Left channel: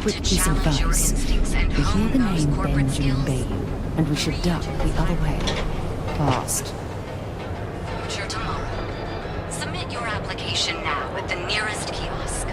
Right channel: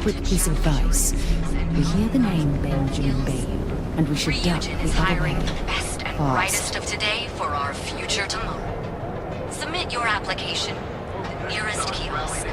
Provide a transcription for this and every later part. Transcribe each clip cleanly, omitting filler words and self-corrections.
quick piece of advice. We hear the name Benjamin Bayou, and we should duck the other way. Fast. Of today for our future tomorrow. Submit your application now at the nearest kiosk.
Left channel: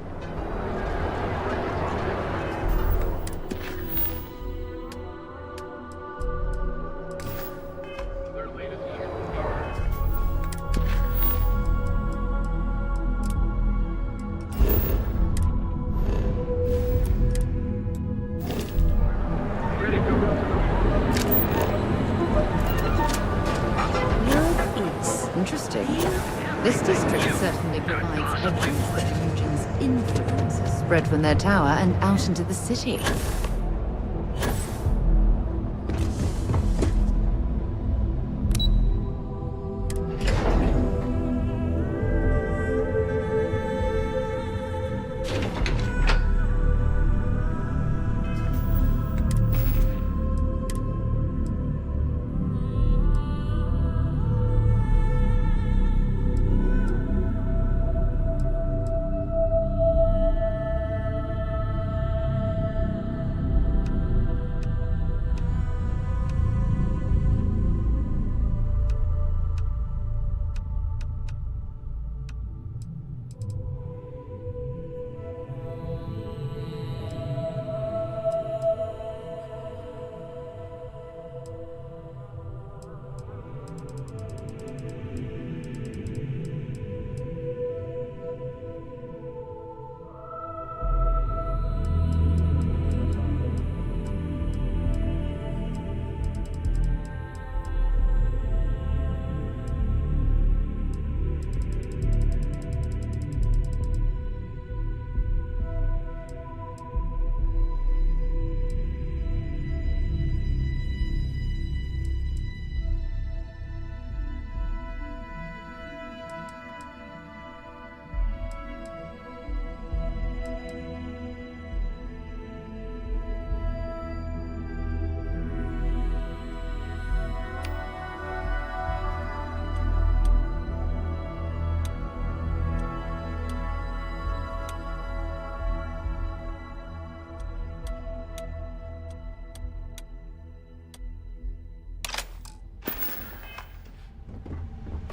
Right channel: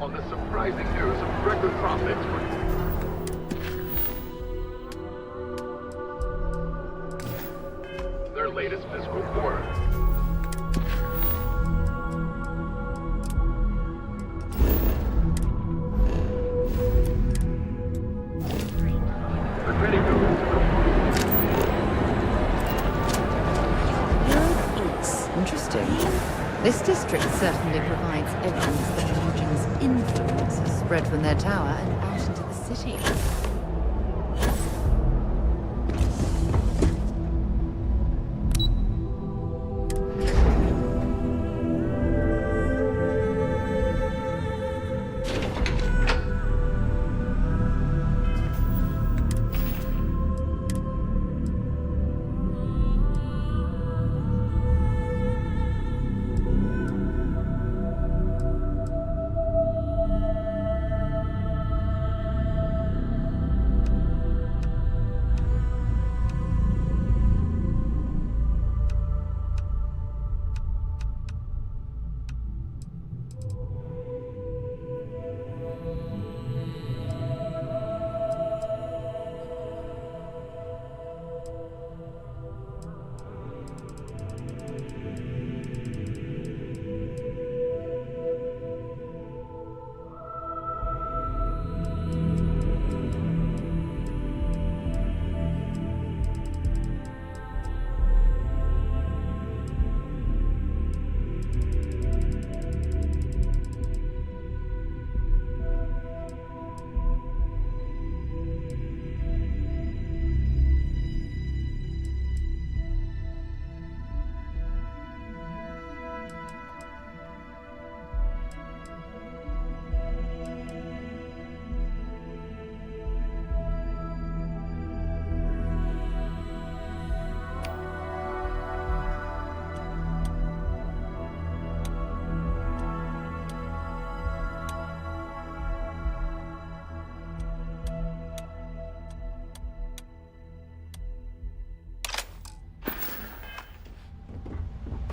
On the surprising news of record profits. Their latest fiscal quarter. Ready to Interesting. This district certainly provides evidence that Eugene's influence has spread from their tower and out into the city.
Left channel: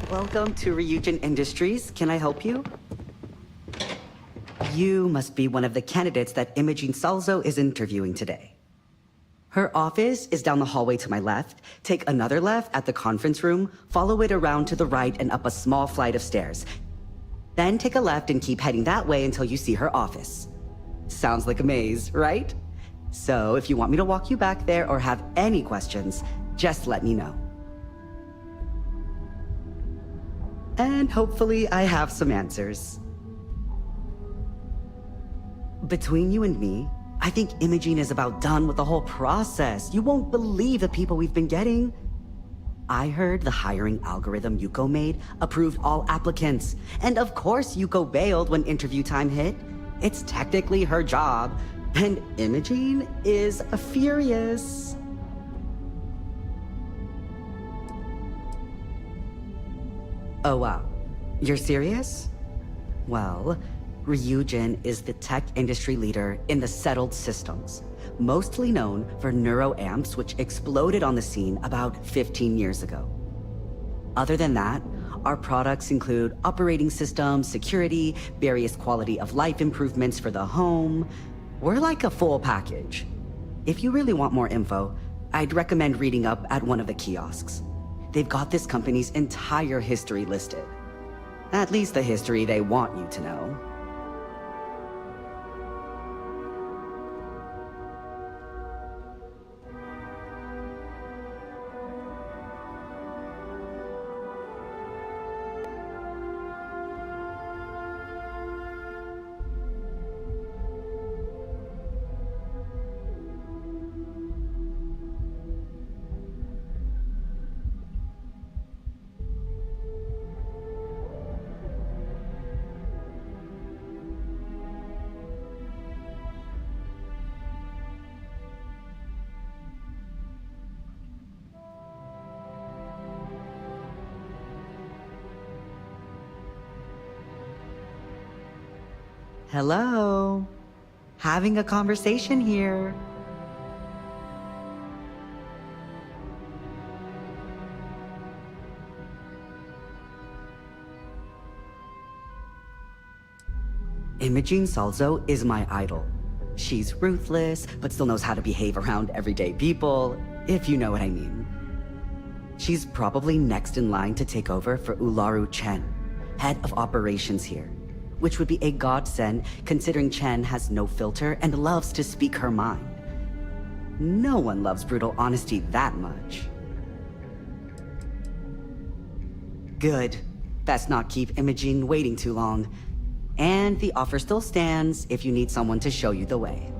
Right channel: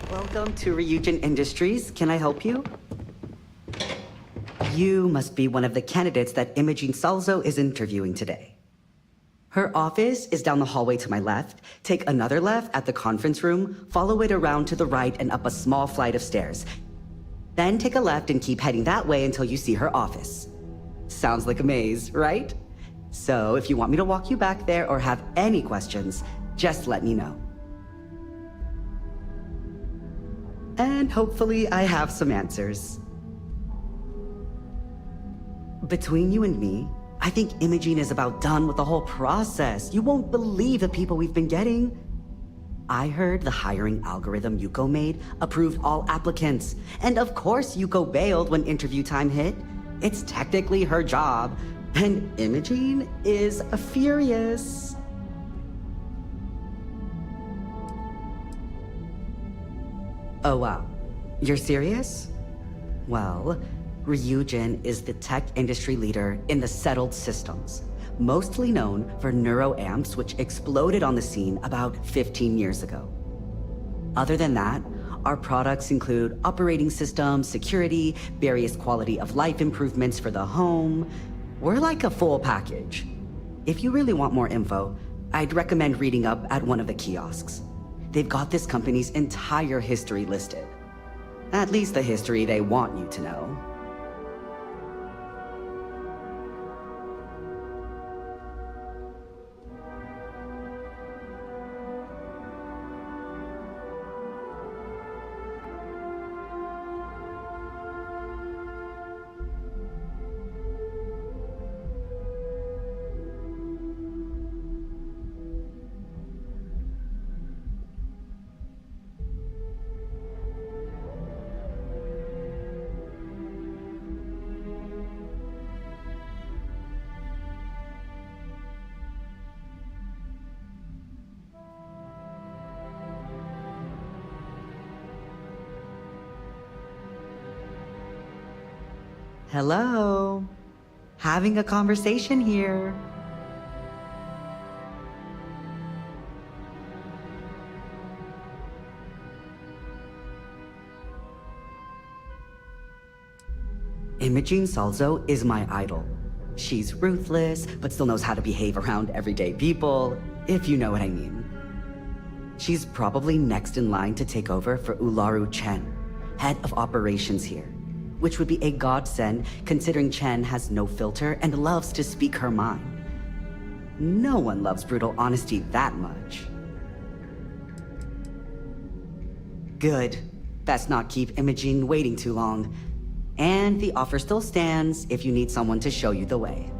Welcome to Ryujin Industries. Can I help you? You must be one of the candidates that Imogene Salzo is interviewing today. Her office is down the hallway to my left. Take another left at the conference room, follow it around to the right and up a small flight of stairs. Then take a left and keep heading that way until you see her office. Sounds like a maze, right? So if you want me to walk you back there or have any questions, just let me know. And hopefully I have some answers. Between you and me, I think Imogene is about done with the whole process. You won't believe the people we've been getting. I heard the hiring algorithm Yuko made approved all applicants. And of course Yuko bailed when interview time hit. It's technically her job. And Imogene is furious. Oh wow, you're serious? Well, Ryujin is the tech industry leader in the settled systems, mostly known for neuroamps, which exploded on the scene about 15 years ago. Other than that, our products include operating systems, security, various quality of life improvements for the home. We're like a full package. If you really want more info, I'd recommend reading up at one of the kiosks. They've got this company's entire history listed. At least the history they want you to know. Hello. Having a conversation here. Imogene Salzo is my idol. She's ruthless, but still knows how to behave around everyday people, if you know what I mean. She's probably next in line to take over for Ularu Chen, head of operations here, which would be a godsend considering Chen has no filter and loves to speak her mind. No one loves brutal honesty that much. Good. Best not keep Imogene waiting too long. And the offer still stands if you need someone to show you the way.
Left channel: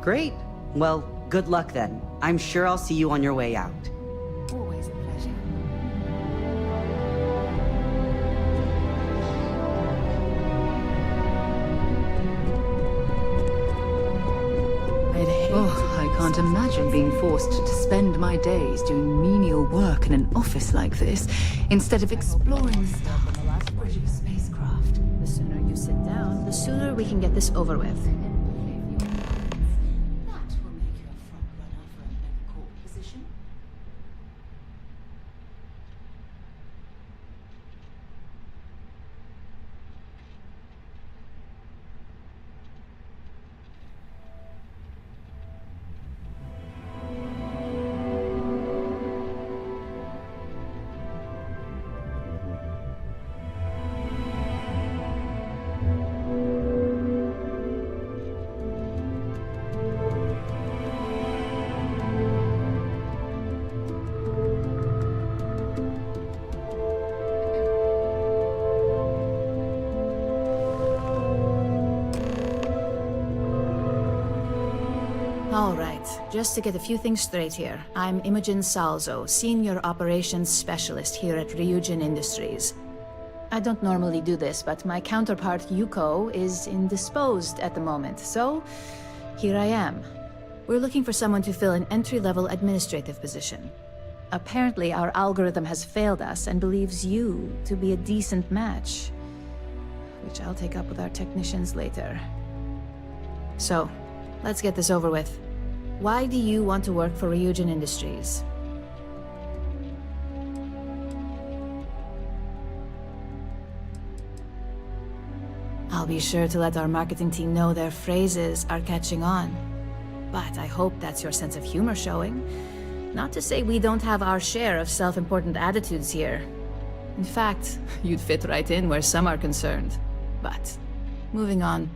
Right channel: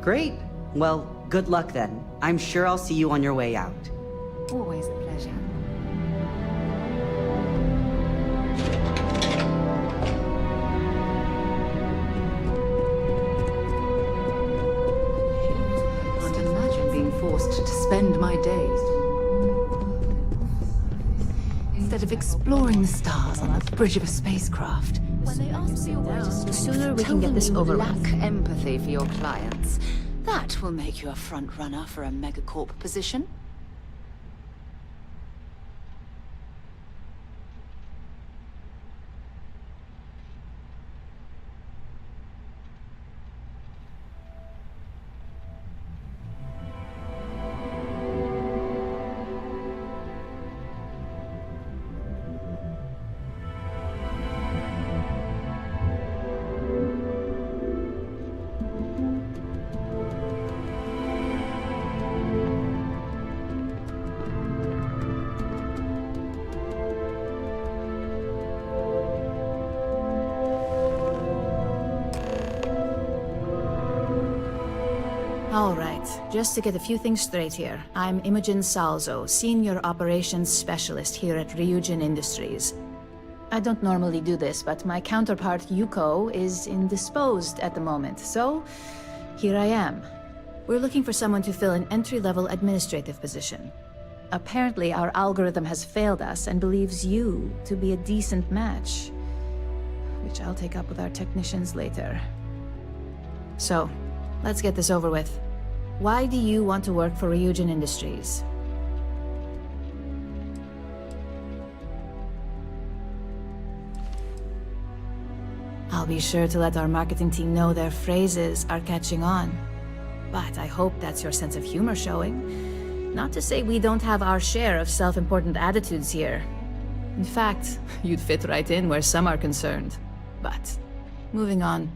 Great. Well, good luck then. I'm sure I'll see you on your way out. Always a pleasure. I can't imagine being forced to spend my days doing menial work in an office like this, instead of exploring the stars on the bridge of a spacecraft. The sooner you sit down, the sooner we can get this over with. Lack empathy for your clients. That will make you a front runner for a megacorp position. All right, just to get a few things straight here. I'm Imogen Salzo, Senior Operations Specialist here at Ryujin Industries. I don't normally do this, but my counterpart Yuko is indisposed at the moment, so here I am. We're looking for someone to fill an entry-level administrative position. Apparently, our algorithm has failed us and believes you to be a decent match, which I'll take up with our technicians later. So, let's get this over with. Why do you want to work for Ryujin Industries? I'll be sure to let our marketing team know their phrases are catching on. But I hope that's your sense of humor showing. Not to say we don't have our share of self-important attitudes here. In fact, you'd fit right in where some are concerned. But, moving on.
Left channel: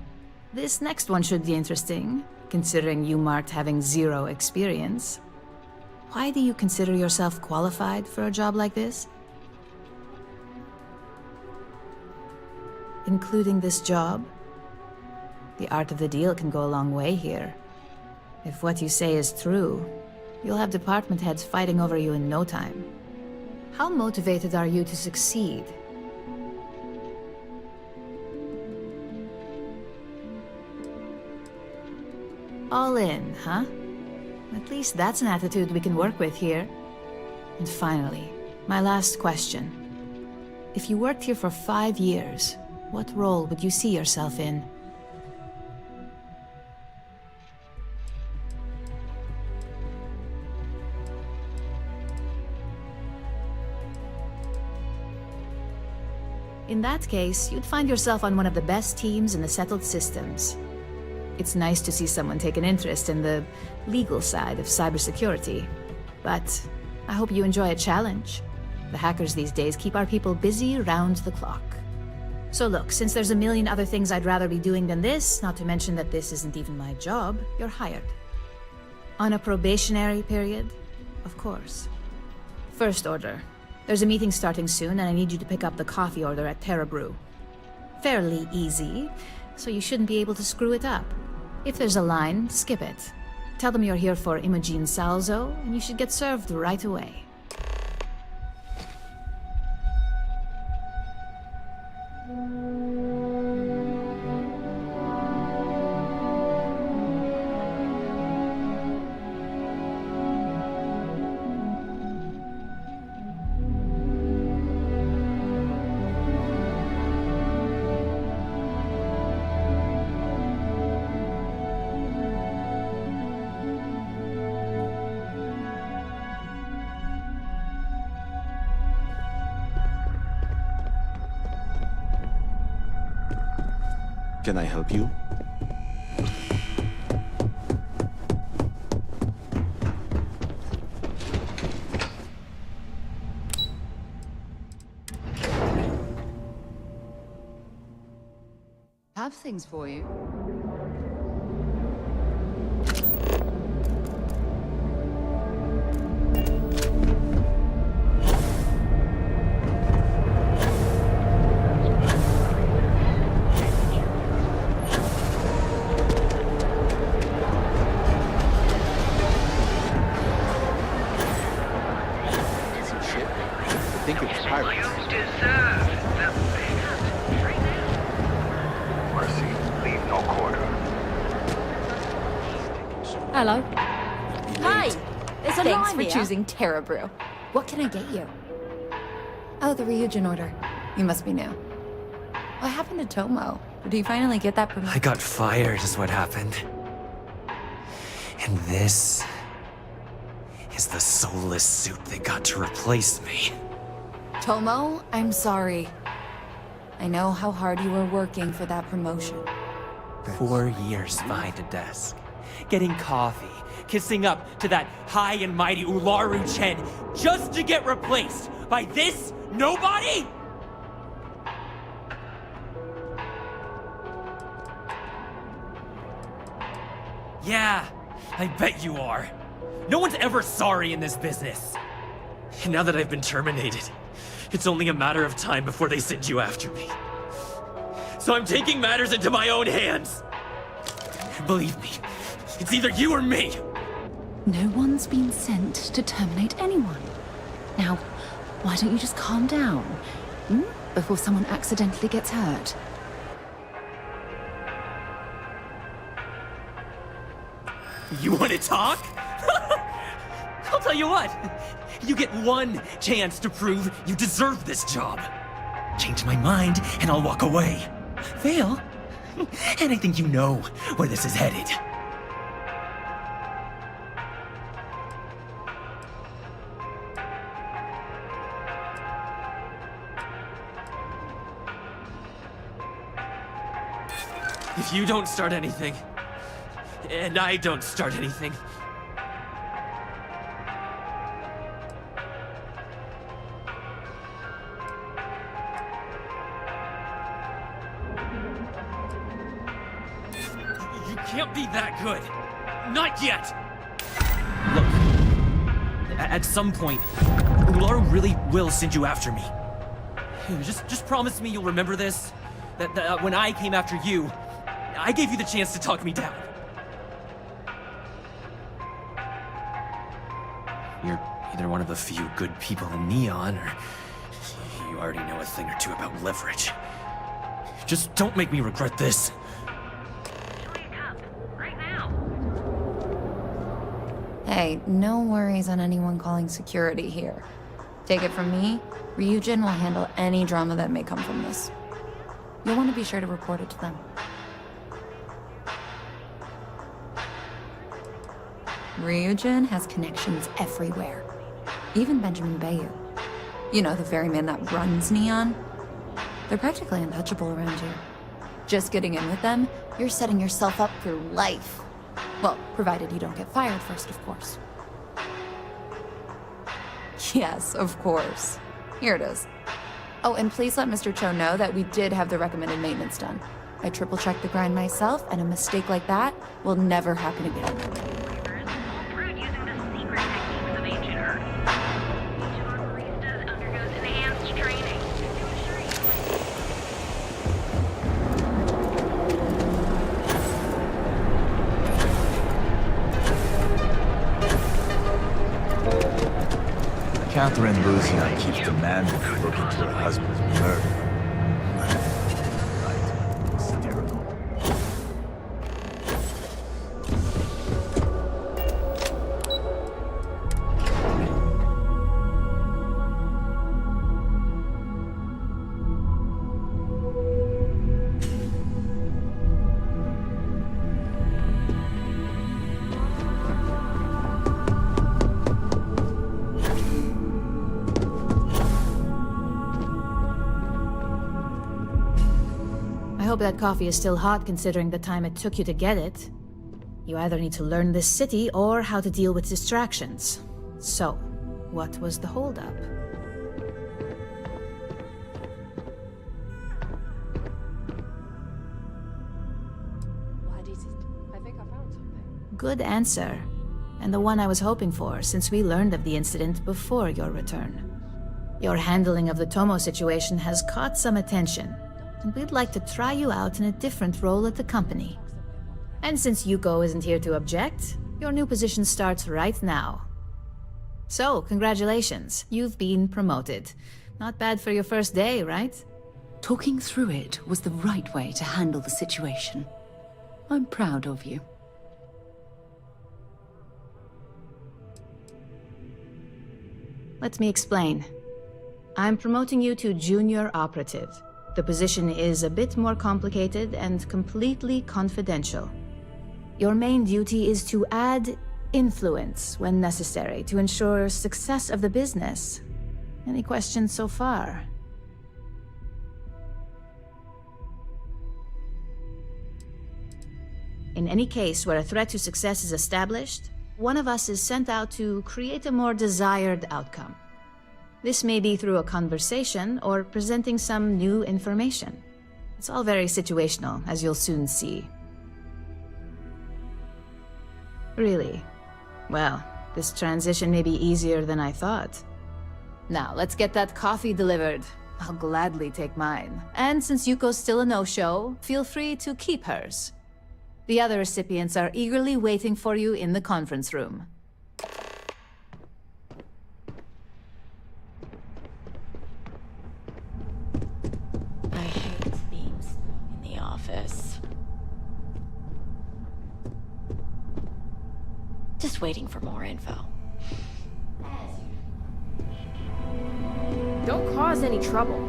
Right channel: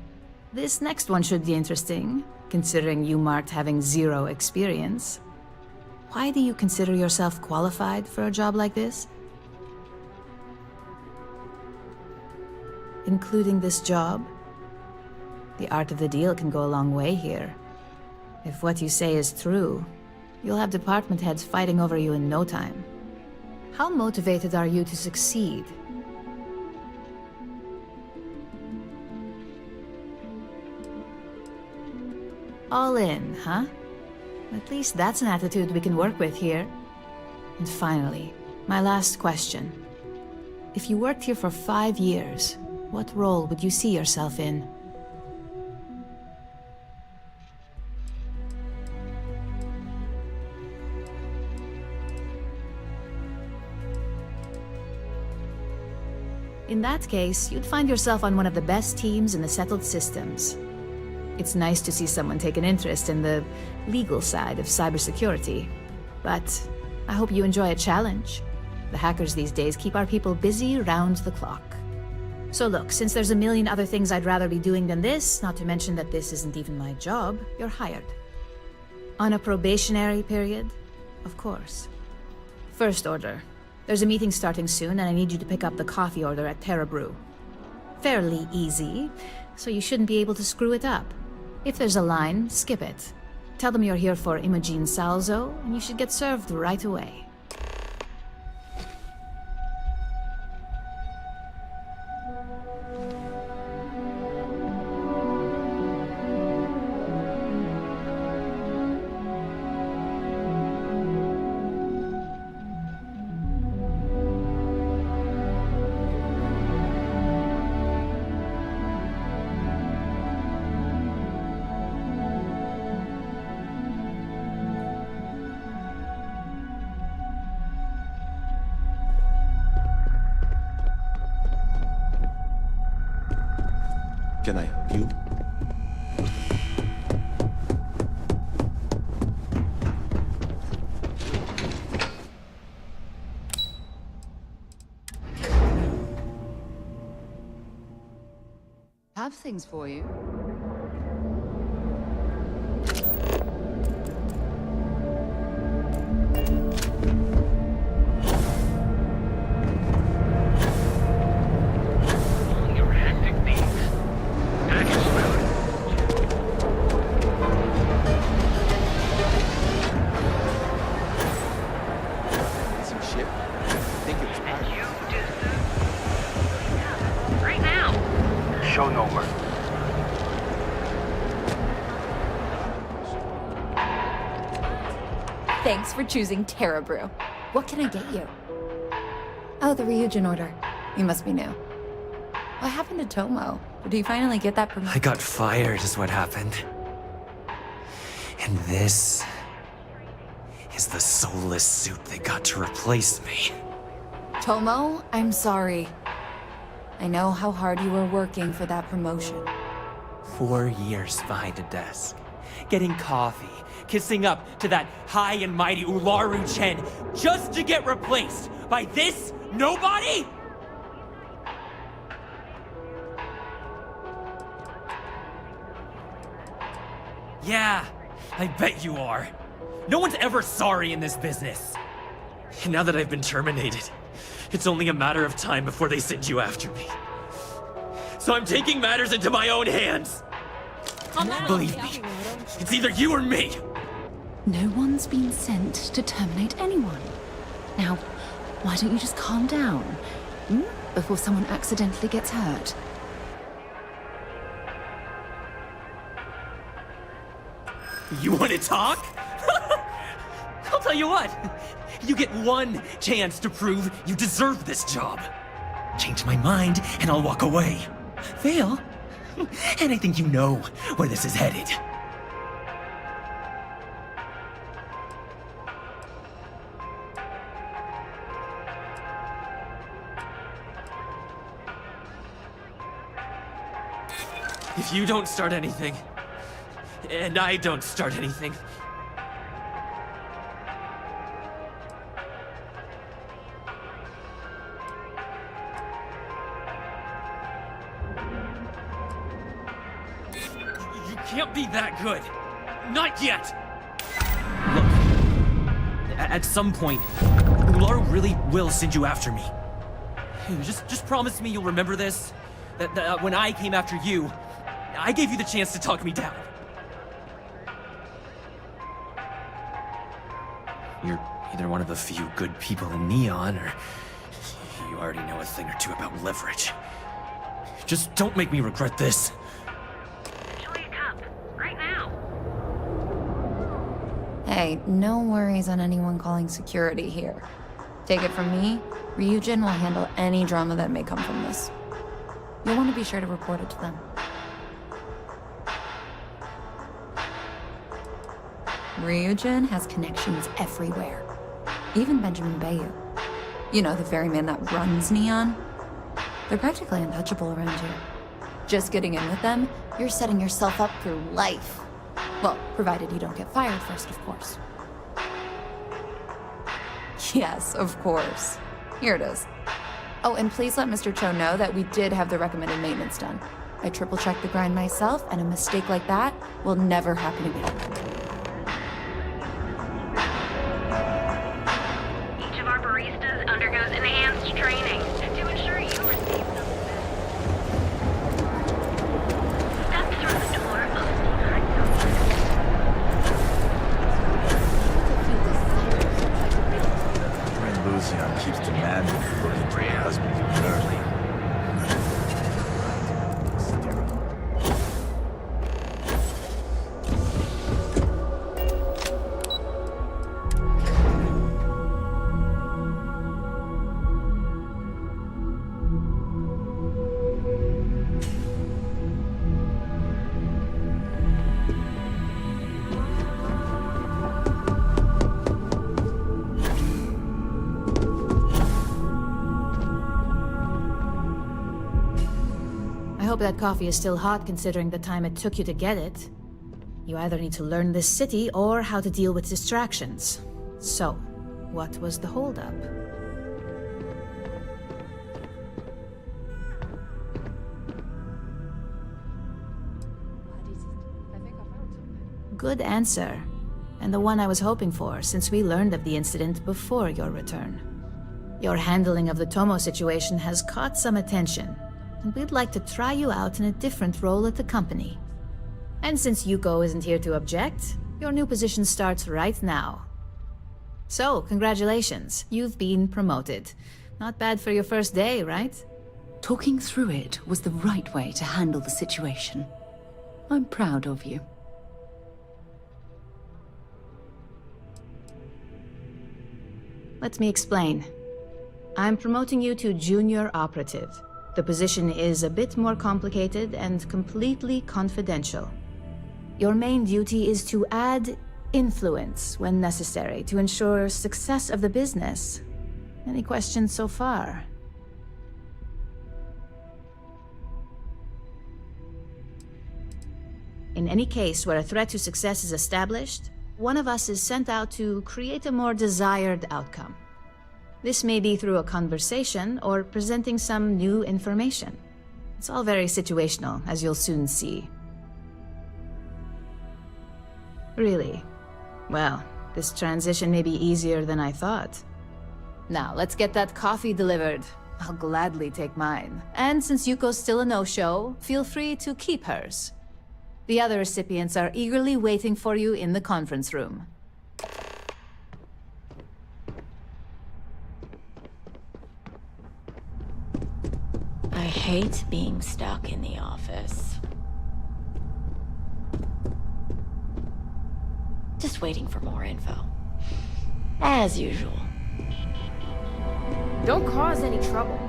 This next one should be interesting, considering you marked having 0 experience. Why do you consider yourself qualified for a job like this? Including this job? The art of the deal can go a long way here. If what you say is true, you'll have department heads fighting over you in no time. How motivated are you to succeed? All in, huh? At least that's an attitude we can work with here. And finally, my last question. If you worked here for 5 years, what role would you see yourself in? In that case, you'd find yourself on one of the best teams in the settled systems. It's nice to see someone take an interest in the legal side of cybersecurity. But I hope you enjoy a challenge. The hackers these days keep our people busy round the clock. So look, since there's a million other things I'd rather be doing than this, not to mention that this isn't even my job, you're hired. On a probationary period, of course. First order. There's a meeting starting soon, and I need you to pick up the coffee order at Terra Brew. Fairly easy, so you shouldn't be able to screw it up. If there's a line, skip it. Tell them you're here for Imogen Salzo, and you should get served right away. Can I help you? Have things for you. Some ship? I think it's pirates. Right now. Show no mercy, leave no quarter. Hello. Hi. Thanks for choosing Terra Brew. What can I get you? Oh, the Ryujin order. You must be new. What happened to Tomo? Did he finally get that promotion? I got fired is what happened. And this is the soulless suit they got to replace me. Tomo, I'm sorry. I know how hard you were working for that promotion. 4 years behind a desk, getting coffee, kissing up to that high and mighty Ularu Chen, just to get replaced by this nobody? Yeah, I bet you are. No one's ever sorry in this business. And now that I've been terminated, it's only a matter of time before they send you after me. So I'm taking matters into my own hands. Believe me, it's either you or me. No one's been sent to terminate anyone. Now, why don't you just calm down? Before someone accidentally gets hurt. You want to talk? I'll tell you what. You get one chance to prove you deserve this job. Change my mind, and I'll walk away. Fail, and I think you know where this is headed. If you don't start anything, and I don't start anything, you can't be that good. Not yet. Look, at some point, Ularu really will send you after me. Just promise me you'll remember this. That when I came after you, I gave you the chance to talk me down. You're either one of the few good people in Neon, or you already know a thing or two about leverage. Just don't make me regret this. Enjoy a cup. Right now. Hey, no worries on anyone calling security here. Take it from me, Ryujin will handle any drama that may come from this. You'll want to be sure to report it to them. Ryujin has connections everywhere. Even Benjamin Bayou. You know, the very man that runs Neon. They're practically untouchable around here. Just getting in with them, you're setting yourself up for life. Well, provided you don't get fired first, of course. Yes, of course. Here it is. Oh, and please let Mr. Cho know that we did have the recommended maintenance done. I triple-checked the grind myself, and a mistake like that will never happen again. Each of our baristas undergoes enhanced training to ensure you receive Step through the door of Catherine Lucian keeps demanding to look into her husband's murder. Right. Hysterical. hope that coffee is still hot considering the time it took you to get it. You either need to learn this city or how to deal with distractions. So, what was the holdup? What is it? I think I found something. Good answer. And the one I was hoping for, since we learned of the incident before your return. Your handling of the Tomo situation has caught some attention, and we'd like to try you out in a different role at the company. And since Yuko isn't here to object, your new position starts right now. So, congratulations, you've been promoted. Not bad for your first day, right? Talking through it was the right way to handle the situation. I'm proud of you. Let me explain. I'm promoting you to junior operative. The position is a bit more complicated and completely confidential. Your main duty is to add influence when necessary to ensure success of the business. Any questions so far? In any case where a threat to success is established, one of us is sent out to create a more desired outcome. This may be through a conversation or presenting some new information. It's all very situational, as you'll soon see. Really? Well, this transition may be easier than I thought. Now, let's get that coffee delivered. I'll gladly take mine. And since Yuko's still a no-show, feel free to keep hers. The other recipients are eagerly waiting for you in the conference room. I hate being stuck in the office. Just waiting for more info. As usual. Don't cause any trouble.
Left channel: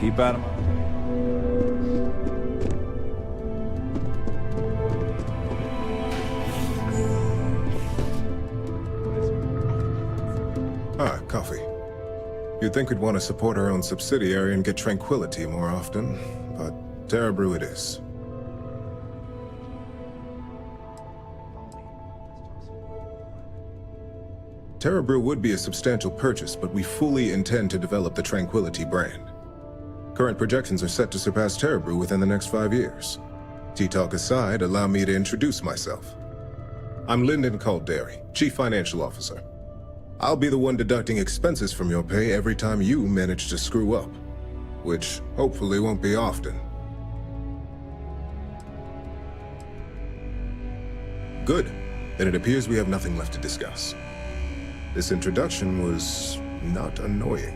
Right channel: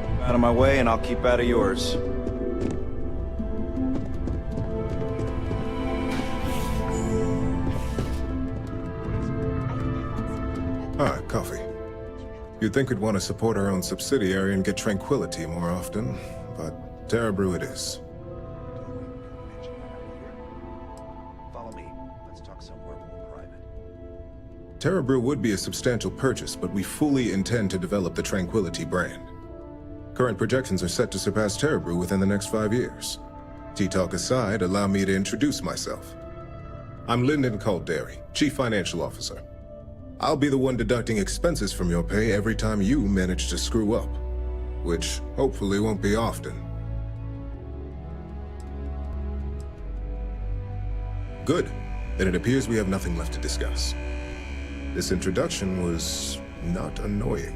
Keep out of my way and I'll keep out of yours. Ah, coffee. You'd think we'd want to support our own subsidiary and get tranquility more often, but Terrabrew it is. Follow me. Let's talk somewhere more private. Terrabrew would be a substantial purchase, but we fully intend to develop the Tranquility brand. Current projections are set to surpass Terrabrew within the next 5 years. Tea-talk aside, allow me to introduce myself. I'm Lyndon Calderi, Chief Financial Officer. I'll be the one deducting expenses from your pay every time you manage to screw up, which hopefully won't be often. Good. Then it appears we have nothing left to discuss. This introduction was not annoying.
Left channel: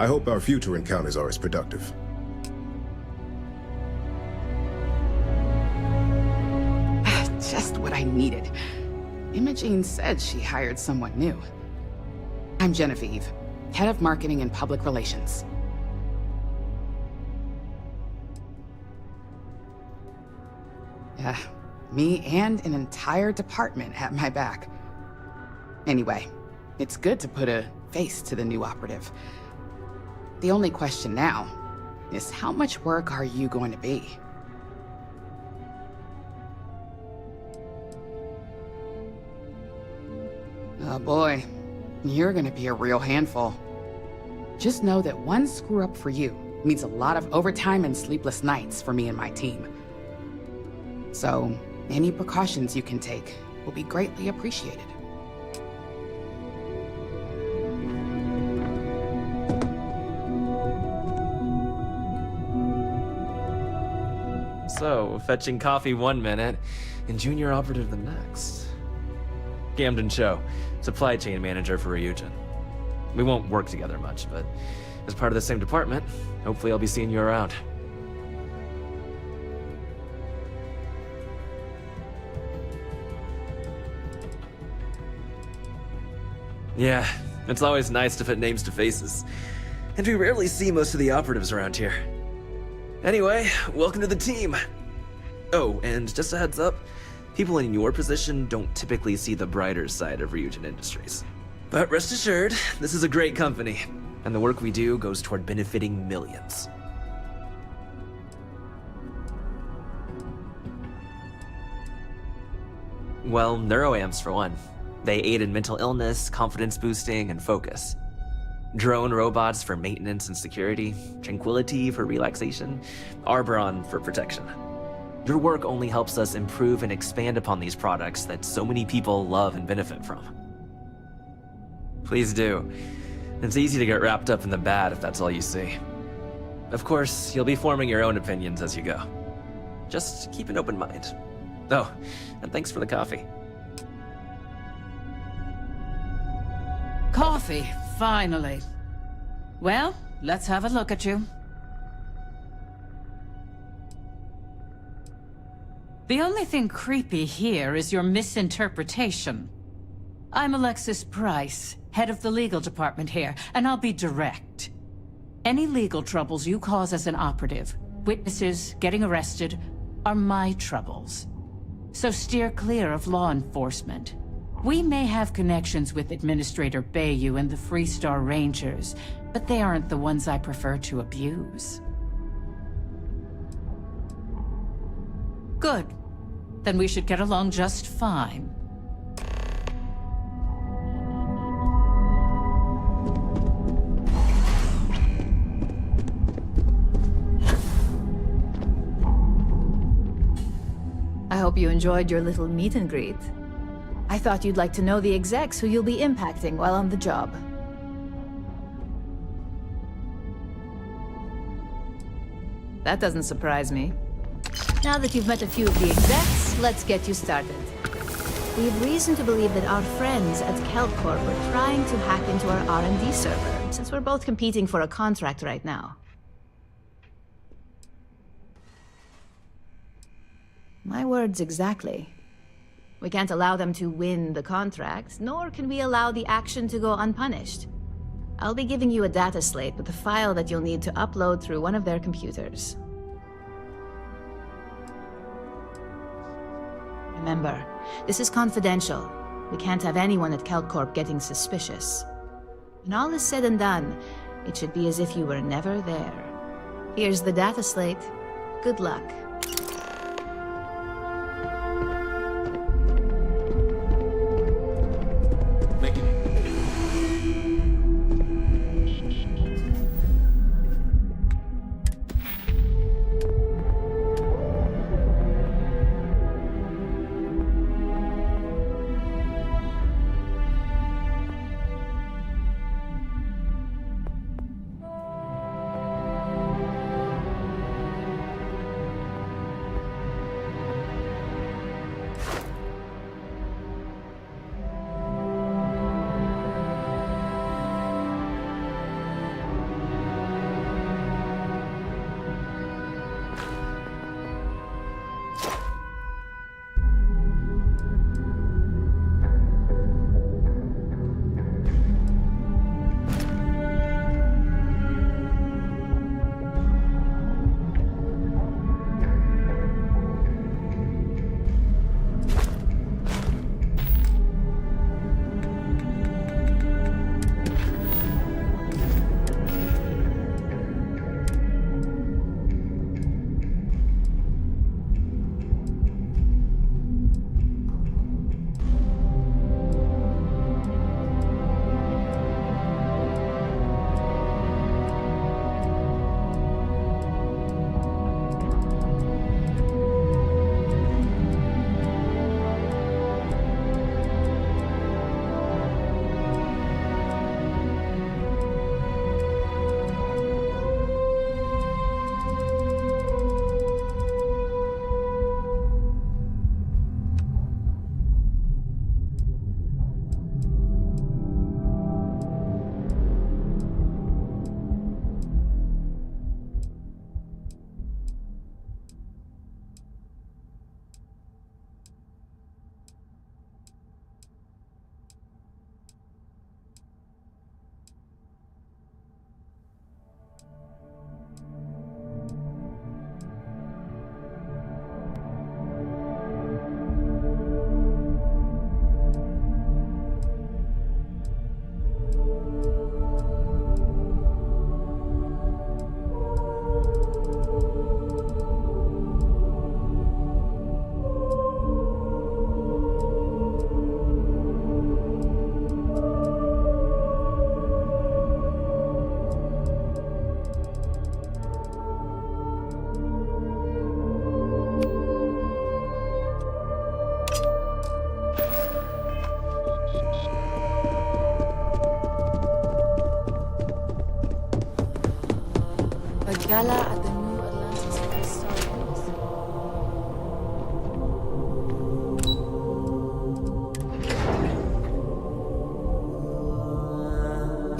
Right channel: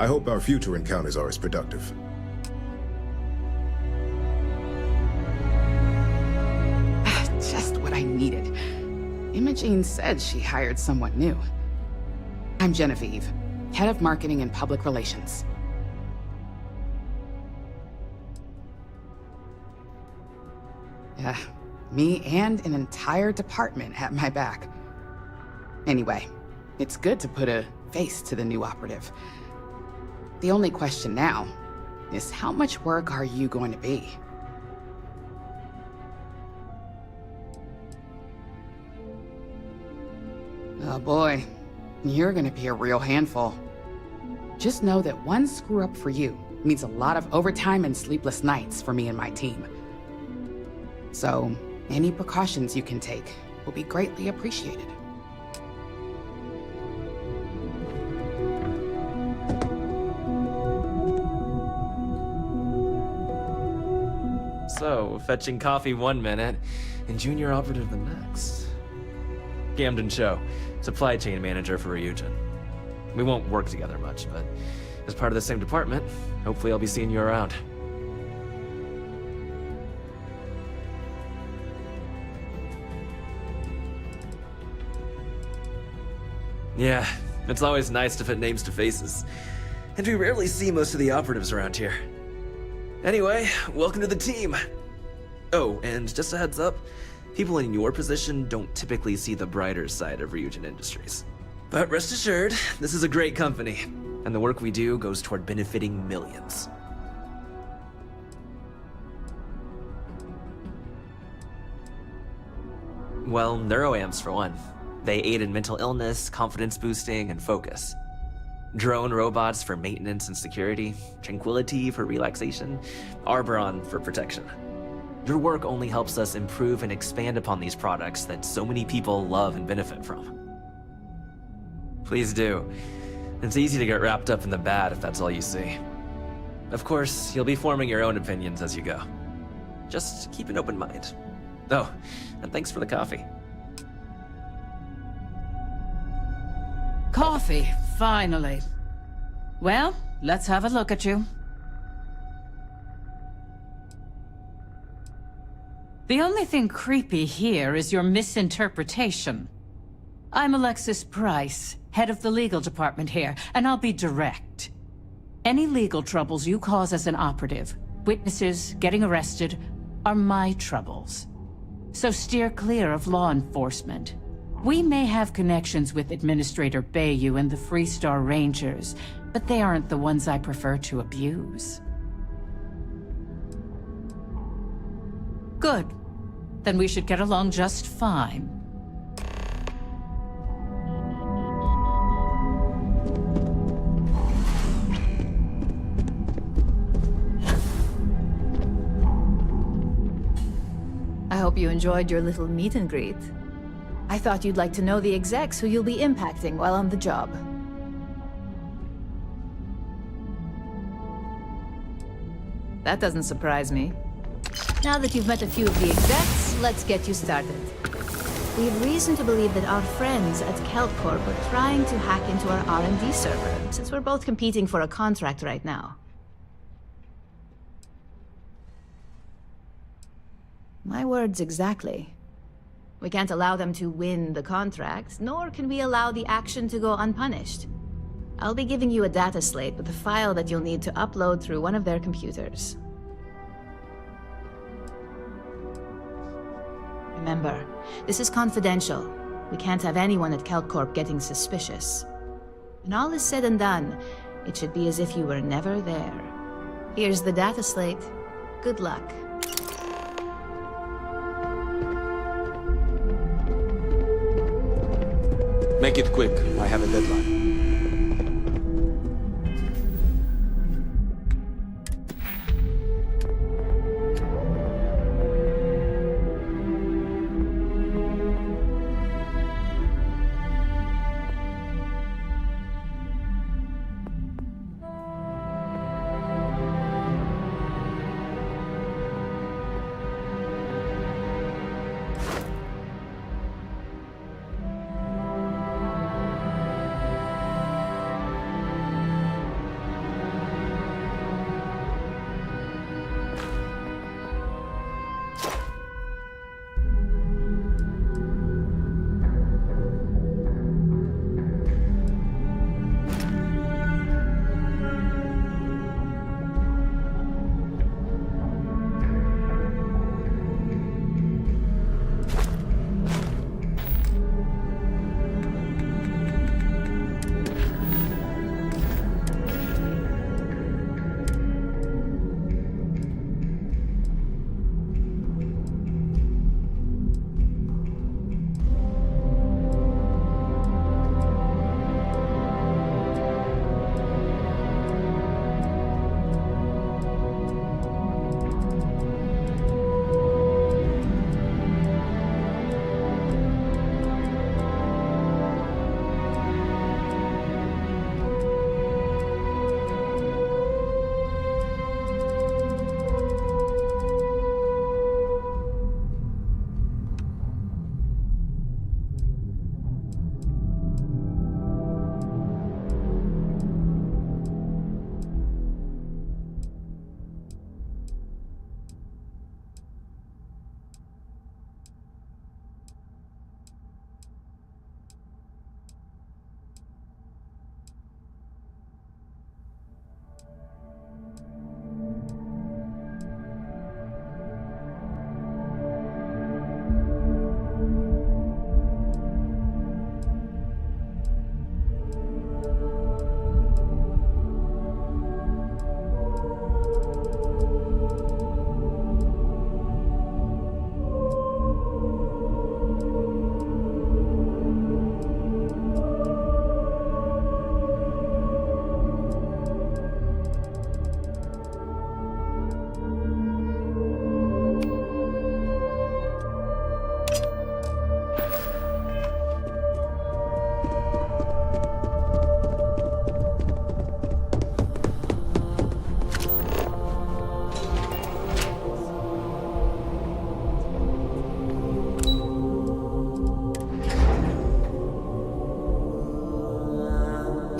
I hope our future encounters are as productive. Just what I needed. Imogene said she hired someone new. I'm Genevieve, Head of Marketing and Public Relations. Yeah, me and an entire department at my back. Anyway, it's good to put a face to the new operative. The only question now is how much work are you going to be? Oh boy, you're gonna be a real handful. Just know that one screw up for you means a lot of overtime and sleepless nights for me and my team. So, any precautions you can take will be greatly appreciated. So, fetching coffee 1 minute, and junior operative the next. Gamden Cho, supply chain manager for Ryujin. We won't work together much, but as part of the same department, hopefully I'll be seeing you around. Yeah, it's always nice to put names to faces. And we rarely see most of the operatives around here. Anyway, welcome to the team. Oh, and just a heads up, people in your position don't typically see the brighter side of Ryujin Industries. But rest assured, this is a great company, and the work we do goes toward benefiting millions. Well, neuroamps for one. They aid in mental illness, confidence boosting, and focus. Drone robots for maintenance and security, tranquility for relaxation, Arboron for protection. Your work only helps us improve and expand upon these products that so many people love and benefit from. Please do. It's easy to get wrapped up in the bad if that's all you see. Of course, you'll be forming your own opinions as you go. Just keep an open mind. Oh, and thanks for the coffee. Coffee, finally. Well, let's have a look at you. The only thing creepy here is your misinterpretation. I'm Alexis Price, head of the legal department here, and I'll be direct. Any legal troubles you cause as an operative, witnesses, getting arrested, are my troubles. So steer clear of law enforcement. We may have connections with Administrator Bayou and the Freestar Rangers, but they aren't the ones I prefer to abuse. Good. Then we should get along just fine. I hope you enjoyed your little meet and greet. I thought you'd like to know the execs who you'll be impacting while on the job. That doesn't surprise me. Now that you've met a few of the execs, let's get you started. We have reason to believe that our friends at KelpCorp are trying to hack into our R&D server, since we're both competing for a contract right now. My words exactly. We can't allow them to win the contract, nor can we allow the action to go unpunished. I'll be giving you a data slate with a file that you'll need to upload through one of their computers. Remember, this is confidential. We can't have anyone at KelpCorp getting suspicious. When all is said and done, it should be as if you were never there. Here's the data slate. Good luck. Make it quick. I have a deadline.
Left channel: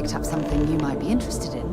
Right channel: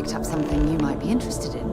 picked up something you might be interested in.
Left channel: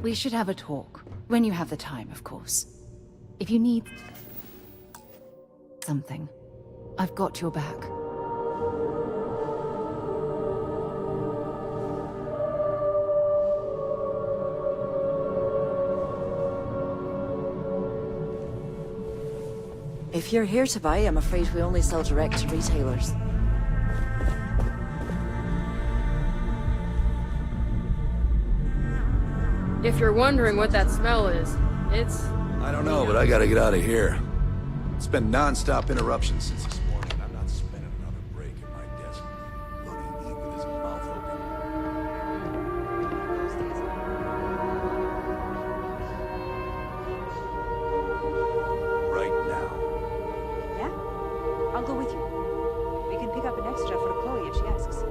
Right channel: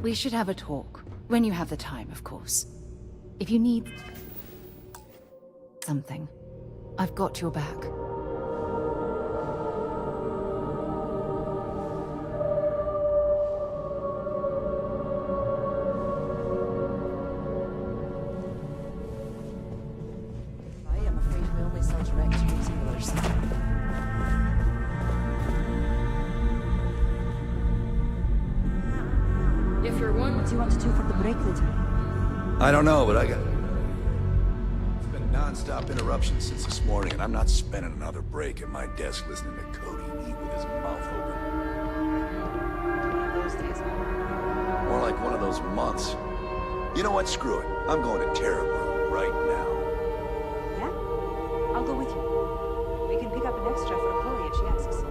We should have a talk. When you have the time, of course. If you need something, I've got your back. If you're here to buy, I'm afraid we only sell direct to retailers. If you're wondering what that smell is, it's... I don't know, but I gotta get out of here. It's been non-stop interruptions since this morning, and I'm not spending another break at my desk listening to Cody eat with his mouth open. One of those days, huh? More like one of those months. You know what? Screw it. I'm going to Terrabrew right now. Yeah? I'll go with you. We can pick up an extra for Chloe if she asks.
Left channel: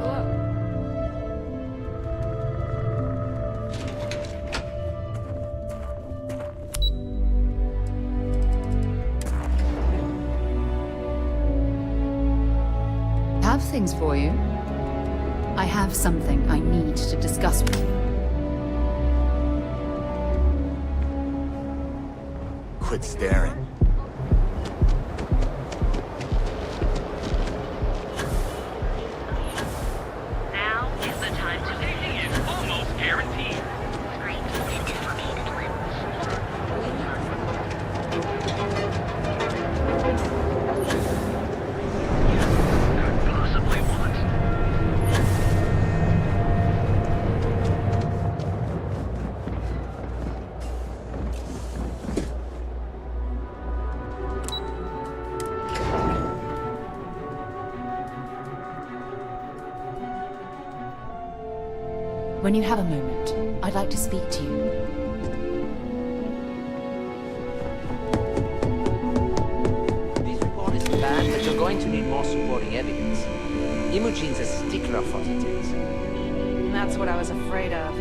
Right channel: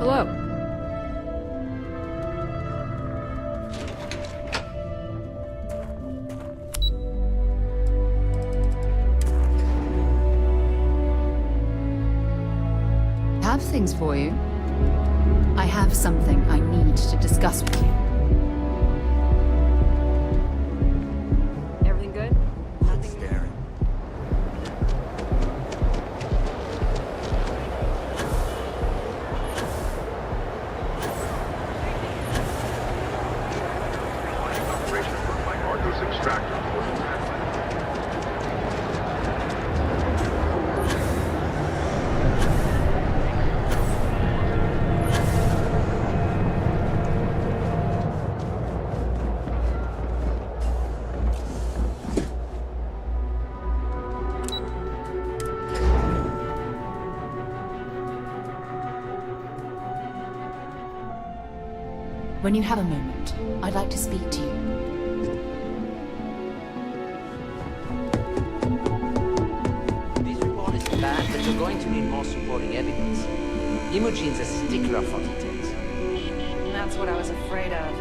Hello. Have things for you. I have something I need to discuss with you. Everything good? Quit staring. When you have a moment, I'd like to speak to you. This report is bad, but you're going to need more supporting evidence. Imogene's a stickler for details. That's what I was afraid of.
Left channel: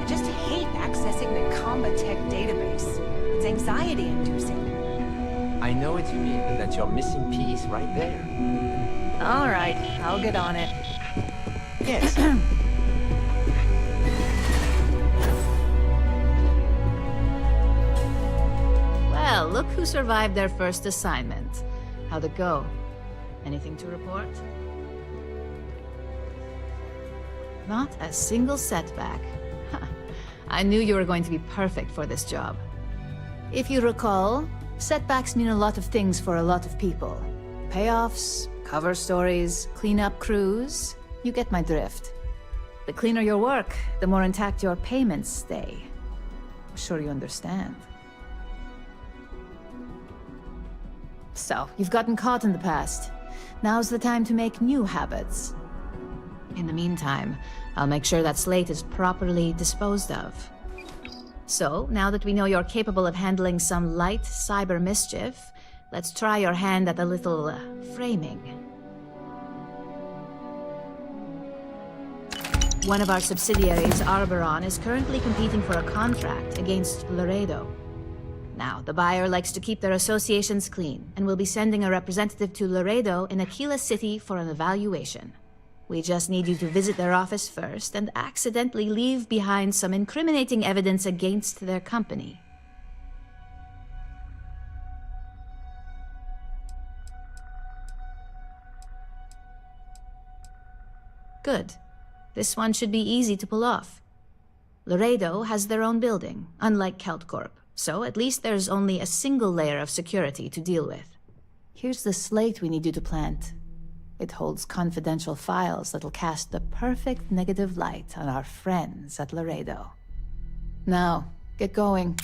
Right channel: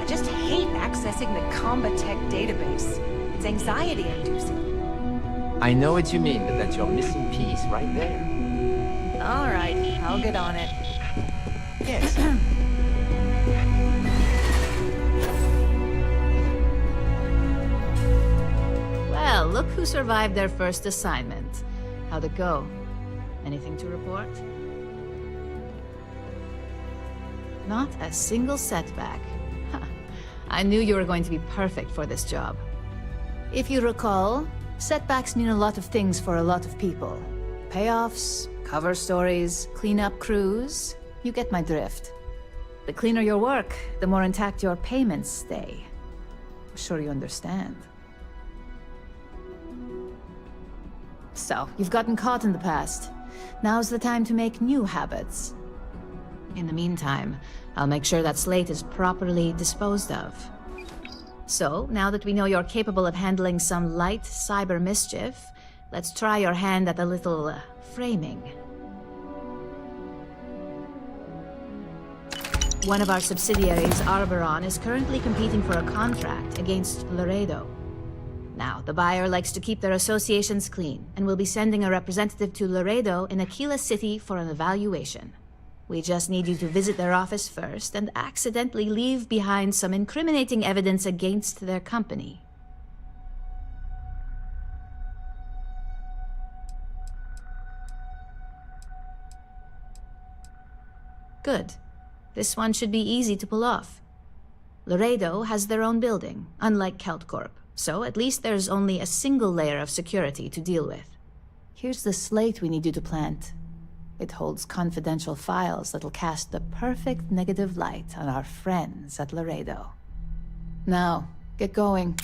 I just hate accessing the Combat Tech database. It's anxiety-inducing. I know what you mean, but that's your missing piece right there. All right, I'll get on it. Yes. Well, look who survived their first assignment. How'd it go? Anything to report? Not a single setback. I knew you were going to be perfect for this job. If you recall, setbacks mean a lot of things for a lot of people. Payoffs, cover stories, cleanup crews. You get my drift. The cleaner your work, the more intact your payments stay. I'm sure you understand. So, you've gotten caught in the past. Now's the time to make new habits. In the meantime, I'll make sure that slate is properly disposed of. So, now that we know you're capable of handling some light cyber mischief, let's try your hand at a little framing. One of our subsidiaries, Arboron, is currently competing for a contract against Laredo. Now, the buyer likes to keep their associations clean, and will be sending a representative to Laredo in Aquila City for an evaluation. We just need you to visit their office first and accidentally leave behind some incriminating evidence against their company. Good. This one should be easy to pull off. Laredo has their own building, unlike KeltCorp, so at least there's only a single layer of security to deal with. Here's the slate we need you to plant. It holds confidential files that'll cast the perfect negative light on our friends at Laredo. Now, get going.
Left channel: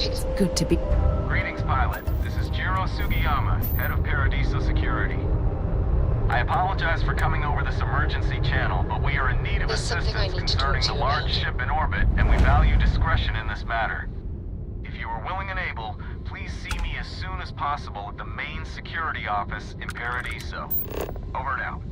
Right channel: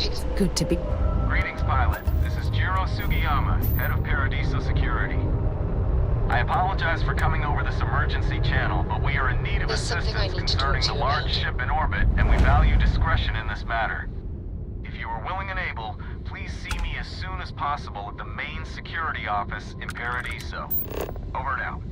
It's good to be... Greetings, pilot. This is Jiro Sugiyama, head of Paradiso Security. I apologize for coming over this emergency channel, but we are in need of assistance concerning the large ship in orbit, and we value discretion in this matter. If you are willing and able, please see me as soon as possible at the main security office in Paradiso. Over and out.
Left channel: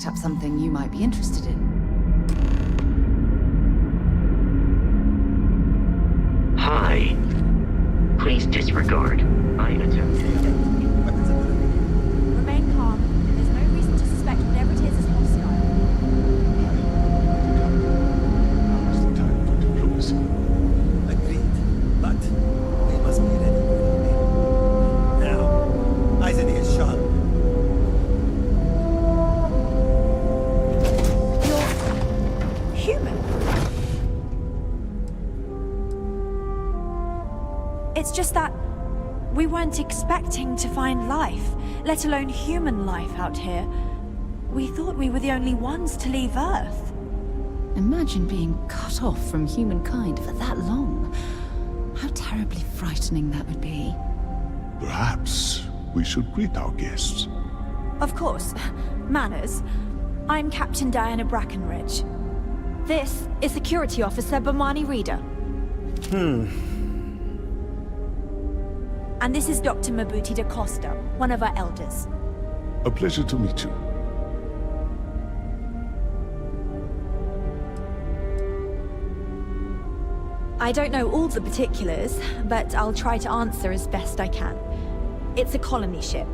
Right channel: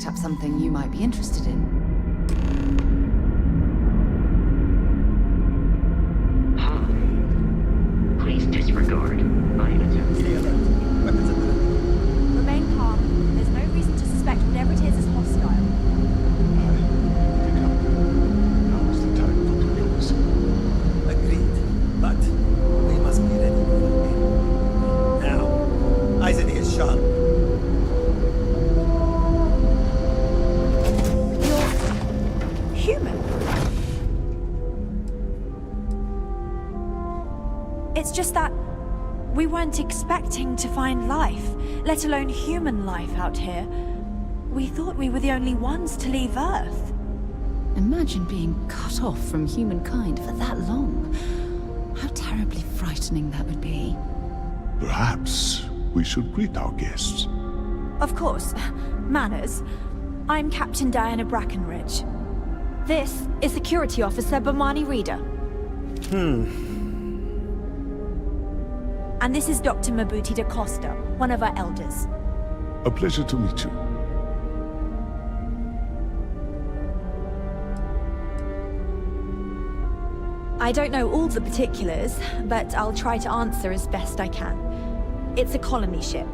picked up something you might be interested in. Hi. Please disregard. I attempt. Remain calm. There's no reason to suspect whatever it is hostile. Now is the time for diplomacy. Agreed. But we must be ready for it. Now, eyes in ears sharp. You're human. It's just that we weren't expecting to find life, let alone human life out here. We thought we were the only ones to leave Earth. Imagine being cut off from humankind for that long. How terribly frightening that would be. Perhaps we should greet our guests. Of course. Manners. I'm Captain Diana Brackenridge. This is Security Officer Bomani Reader. And this is Dr. Mabuti da Costa, one of our elders. A pleasure to meet you. I don't know all the particulars, but I'll try to answer as best I can. It's a colony ship.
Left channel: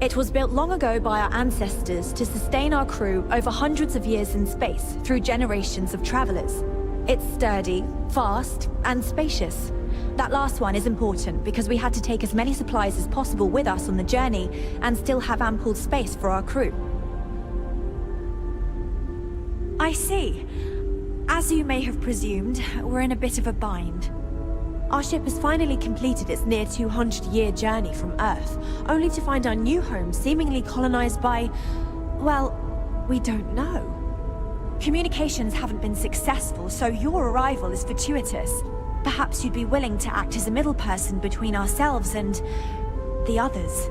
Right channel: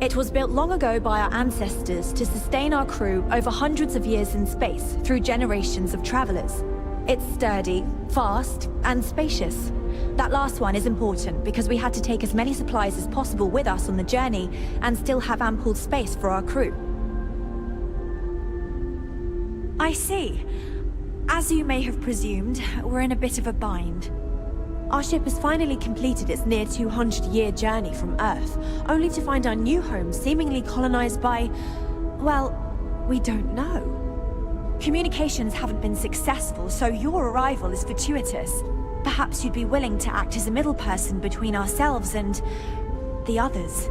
It was built long ago by our ancestors to sustain our crew over hundreds of years in space through generations of travelers. It's sturdy, fast, and spacious. That last one is important because we had to take as many supplies as possible with us on the journey and still have ample space for our crew. I see. As you may have presumed, we're in a bit of a bind. Our ship has finally completed its near 200-year journey from Earth, only to find our new home seemingly colonized by, well, we don't know. Communications haven't been successful, so your arrival is fortuitous. Perhaps you'd be willing to act as a middle person between ourselves and the others.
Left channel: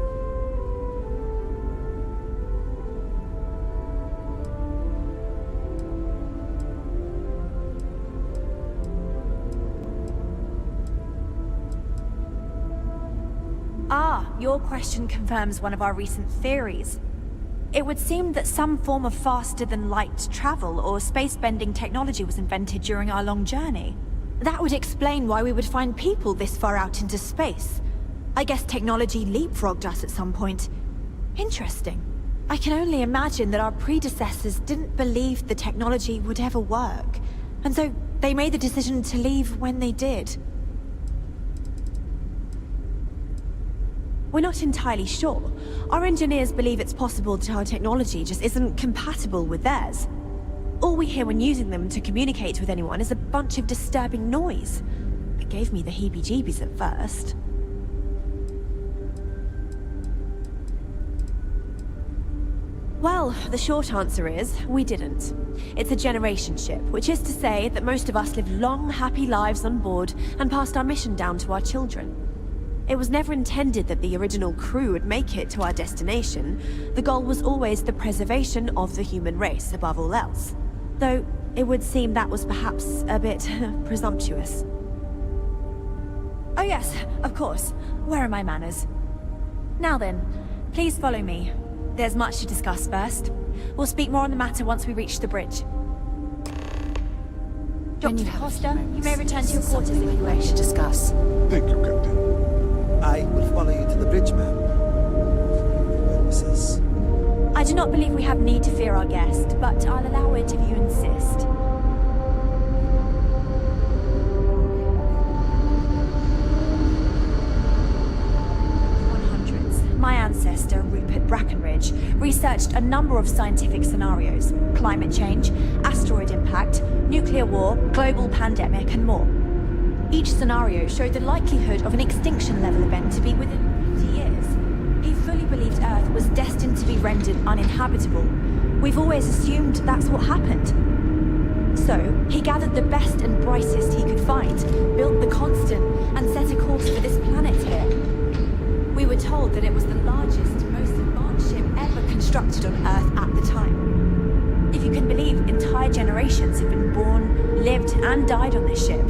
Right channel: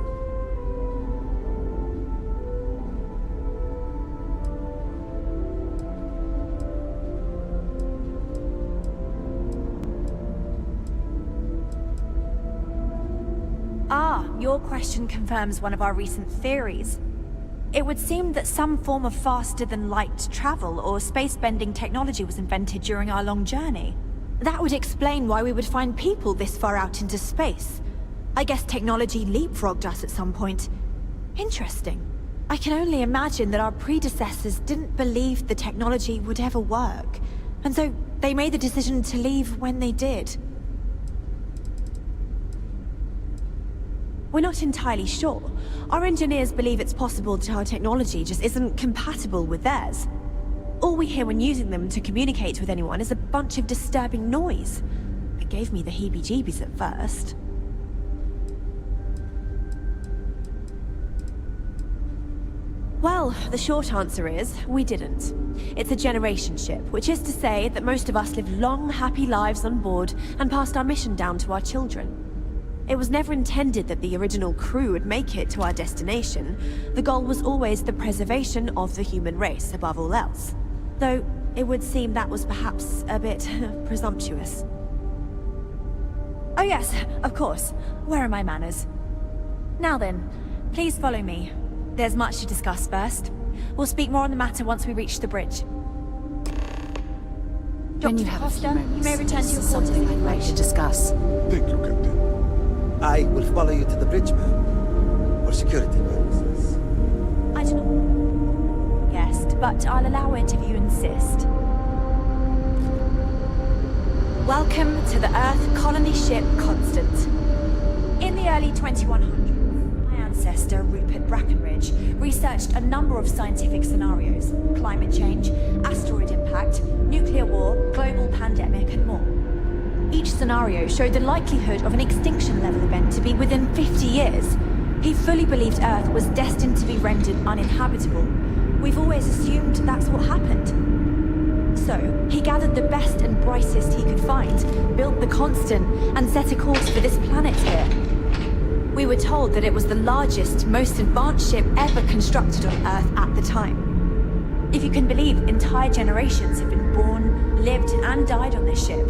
Ah, your question confirms one of our recent theories. It would seem that some form of faster-than-light travel or space-bending technology was invented during our long journey. That would explain why we would find people this far out into space. I guess technology leapfrogged us at some point. Interesting. I can only imagine that our predecessors didn't believe the technology would ever work, and so they made the decision to leave when they did. We're not entirely sure. Our engineers believe it's possible that our technology just isn't compatible with theirs. All we hear when using them to communicate with anyone is a bunch of disturbing noise. It gave me the heebie-jeebies at first. Well, the short answer is, we didn't. It's a generation ship, which is to say that most of us lived long, happy lives on board and passed our mission down to our children. It was never intended that the original crew would make it to our destination. The goal was always the preservation of the human race above all else. Though, it would seem that was perhaps a bit presumptuous. Oh yes, of course. Where are my manners? Now then, please follow me. There's much to discuss first. We'll speak more on the matter once we reach the bridge. Dr. Costa, you may return to your quarters if you'd like to discuss. Thank you, Captain. I will follow you to the bridge, ma'am, for security purposes. I do not believe we have need to fear our guest, but I'll allow it if you insist. Welcome to the Earth colony ship Constant. In the early 2100s, my ancestor, Rupert Brackenridge, researched a number of scientific scenarios: climate change, asteroid impact, nuclear war, global pandemic, and more. Each scenario showed the likelihood of an extinction-level event to be within 50 years. He fully believed Earth was destined to be rendered uninhabitable. We've always assumed that's what happened. So, he gathered the best and brightest he could find, built the Constant, and set a course for this planet here. We were told that it was the largest, most advanced ship ever constructed on Earth at the time. If you can believe, entire generations have been born, lived, and died on this ship.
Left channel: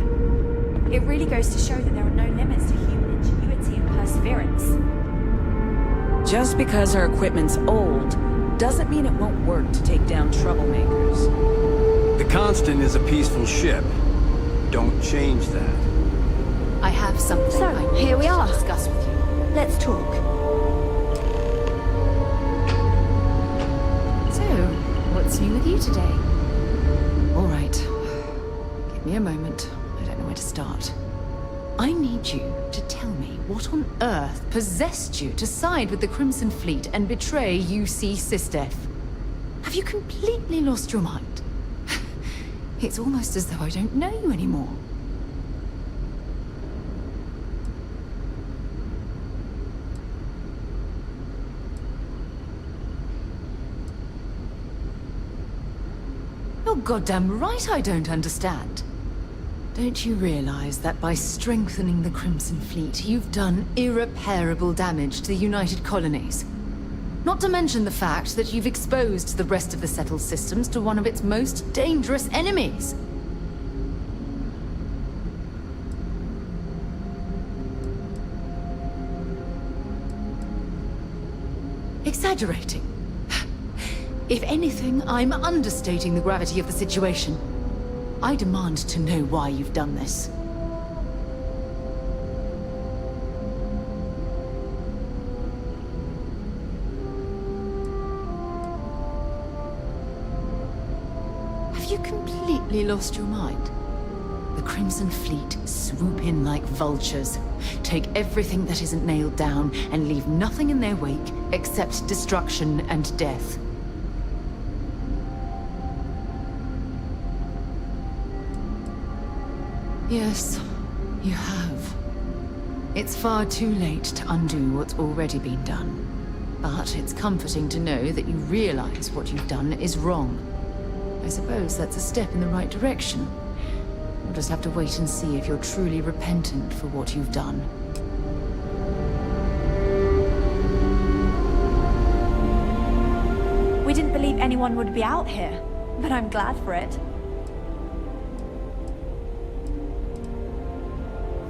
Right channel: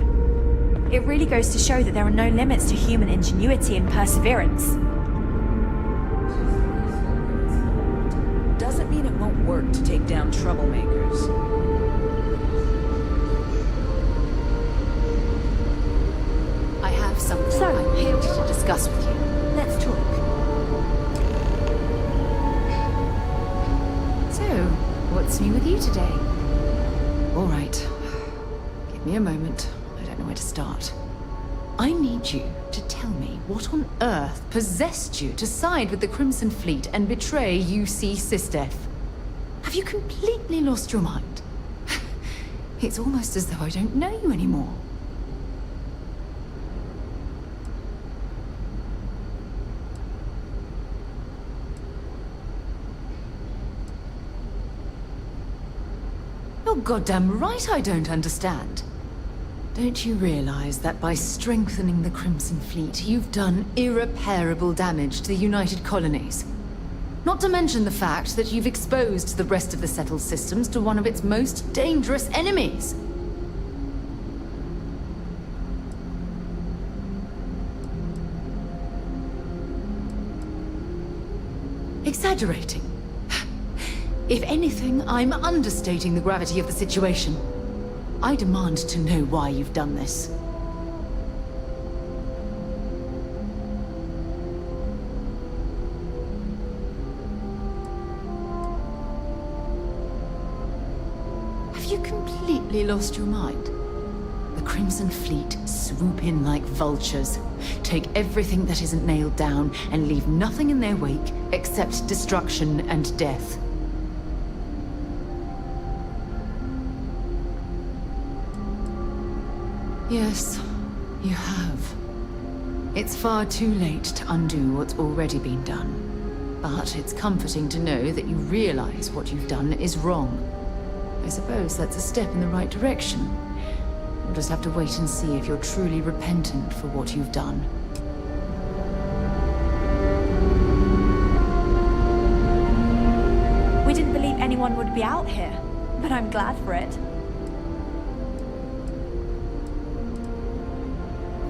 It really goes to show that there are no limits to human ingenuity and perseverance. Just because our equipment's old doesn't mean it won't work to take down troublemakers. The Constant is a peaceful ship. Don't change that. I have something So, I need here we are. to discuss with you. Let's talk. So, what's new with you today? All right. Give me a moment. I don't know where to start. I need you to tell me what on earth possessed you to side with the Crimson Fleet and betray UC SysDef. Have you completely lost your mind? It's almost as though I don't know you anymore. You're goddamn right I don't understand. Don't you realize that by strengthening the Crimson Fleet, you've done irreparable damage to the United Colonies? Not to mention the fact that you've exposed the rest of the settled systems to one of its most dangerous enemies. Exaggerating. If anything, I'm understating the gravity of the situation. I demand to know why you've done this. Have you completely lost your mind? The Crimson Fleet swoop in like vultures, take everything that isn't nailed down, and leave nothing in their wake except destruction and death. Yes, you have. It's far too late to undo what's already been done. But it's comforting to know that you realize what you've done is wrong. I suppose that's a step in the right direction. We'll just have to wait and see if you're truly repentant for what you've done. We didn't believe anyone would be out here, but I'm glad for it.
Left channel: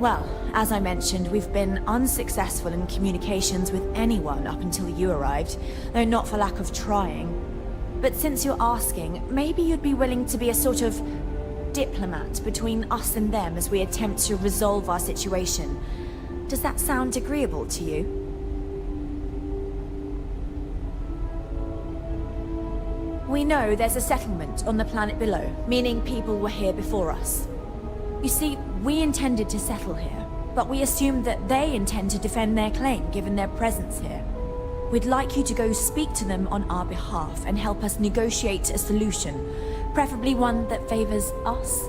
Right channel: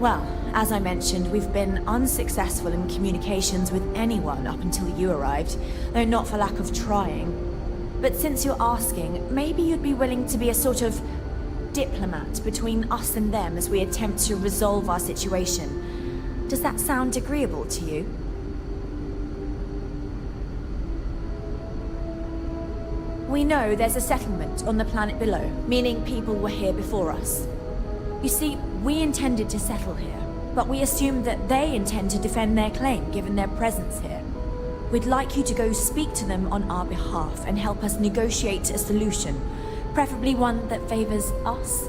Well, as I mentioned, we've been unsuccessful in communications with anyone up until you arrived, though not for lack of trying. But since you're asking, maybe you'd be willing to be a sort of diplomat between us and them as we attempt to resolve our situation. Does that sound agreeable to you? We know there's a settlement on the planet below, meaning people were here before us. You see, we intended to settle here, but we assumed that they intend to defend their claim given their presence here. We'd like you to go speak to them on our behalf and help us negotiate a solution, preferably one that favors us.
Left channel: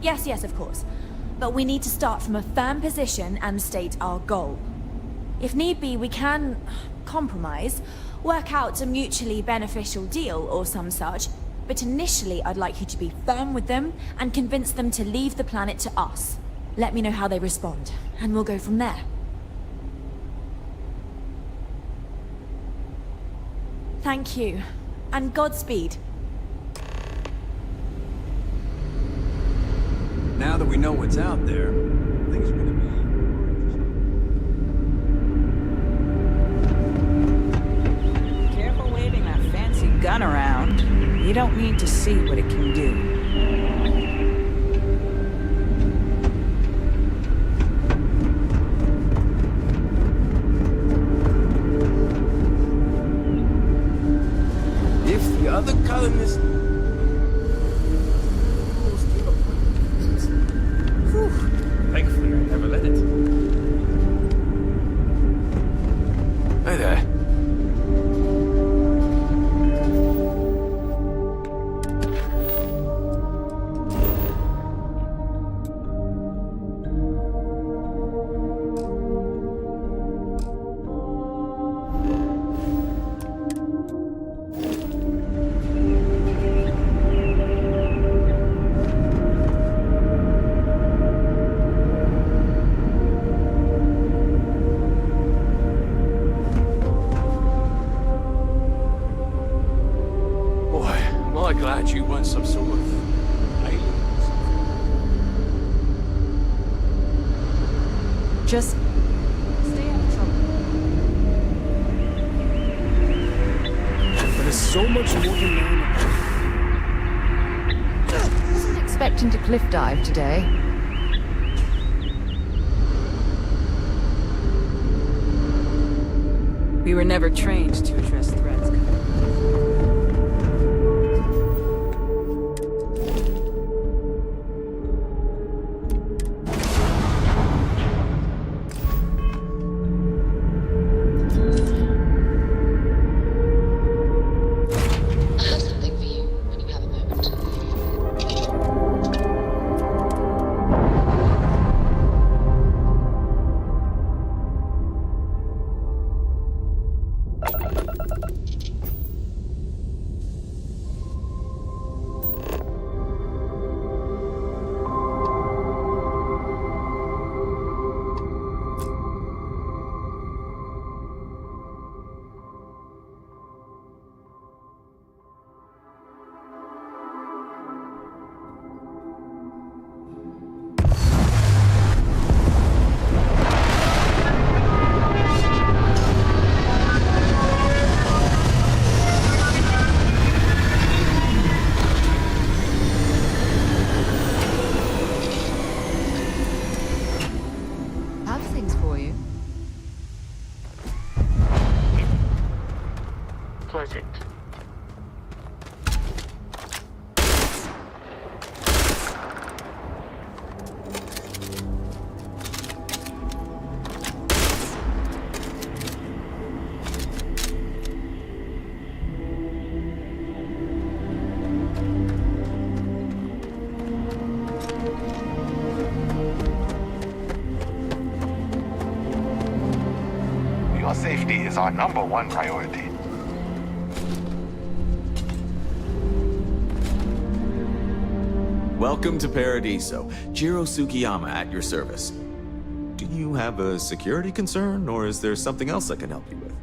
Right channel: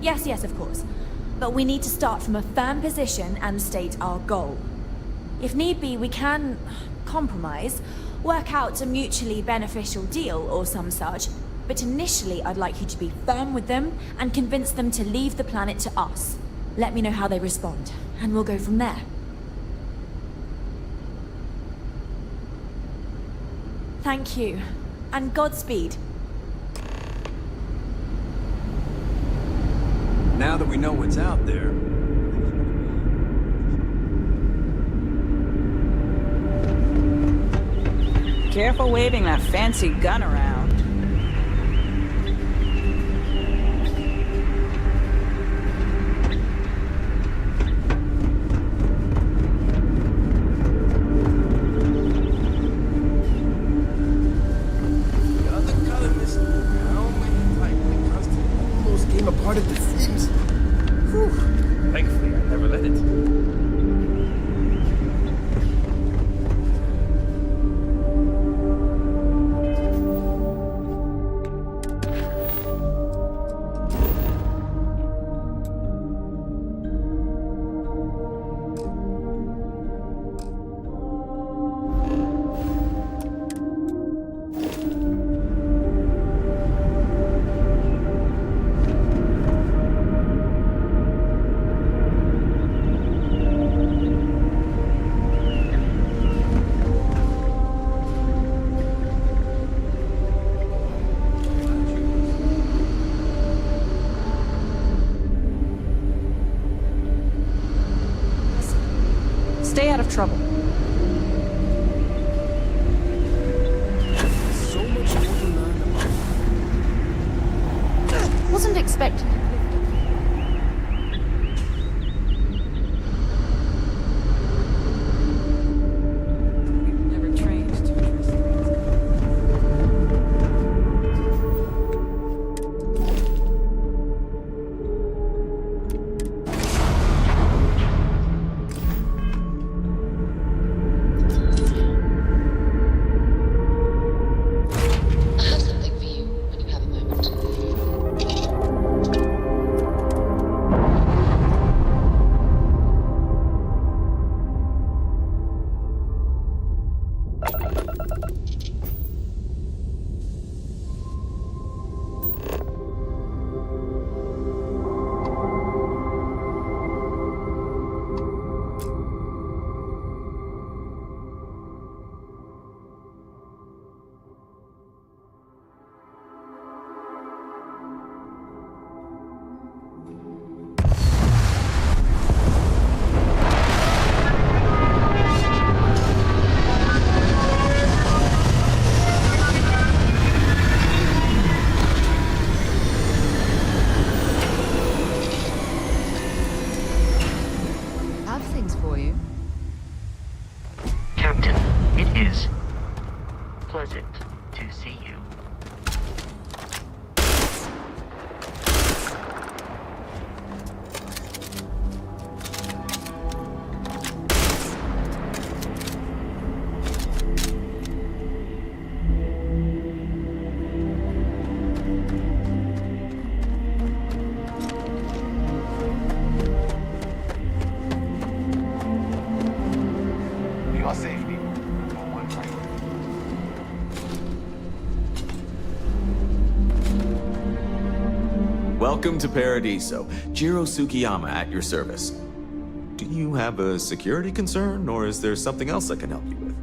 Yes, of course. But we need to start from a firm position and state our goal. If need be, we can compromise, work out a mutually beneficial deal or some such, but initially I'd like you to be firm with them and convince them to leave the planet to us. Let me know how they respond, and we'll go from there. Thank you, and Godspeed. Now that we know what's out there, things are gonna be... Careful waving that fancy gun around. You don't need to see what it can do. If the other colonists almost came apart at the seams. Whew. Thankfully, I never let it. Hi there. some sort of island. Just stay out of trouble. There's so much more to learn about. Wasn't expecting to cliff dive today. We were never trained to address threats. Your safety is our #1 priority. Welcome to Paradiso. Jiro Sugiyama at your service. Do you have a security concern, or is there something else I can help you with?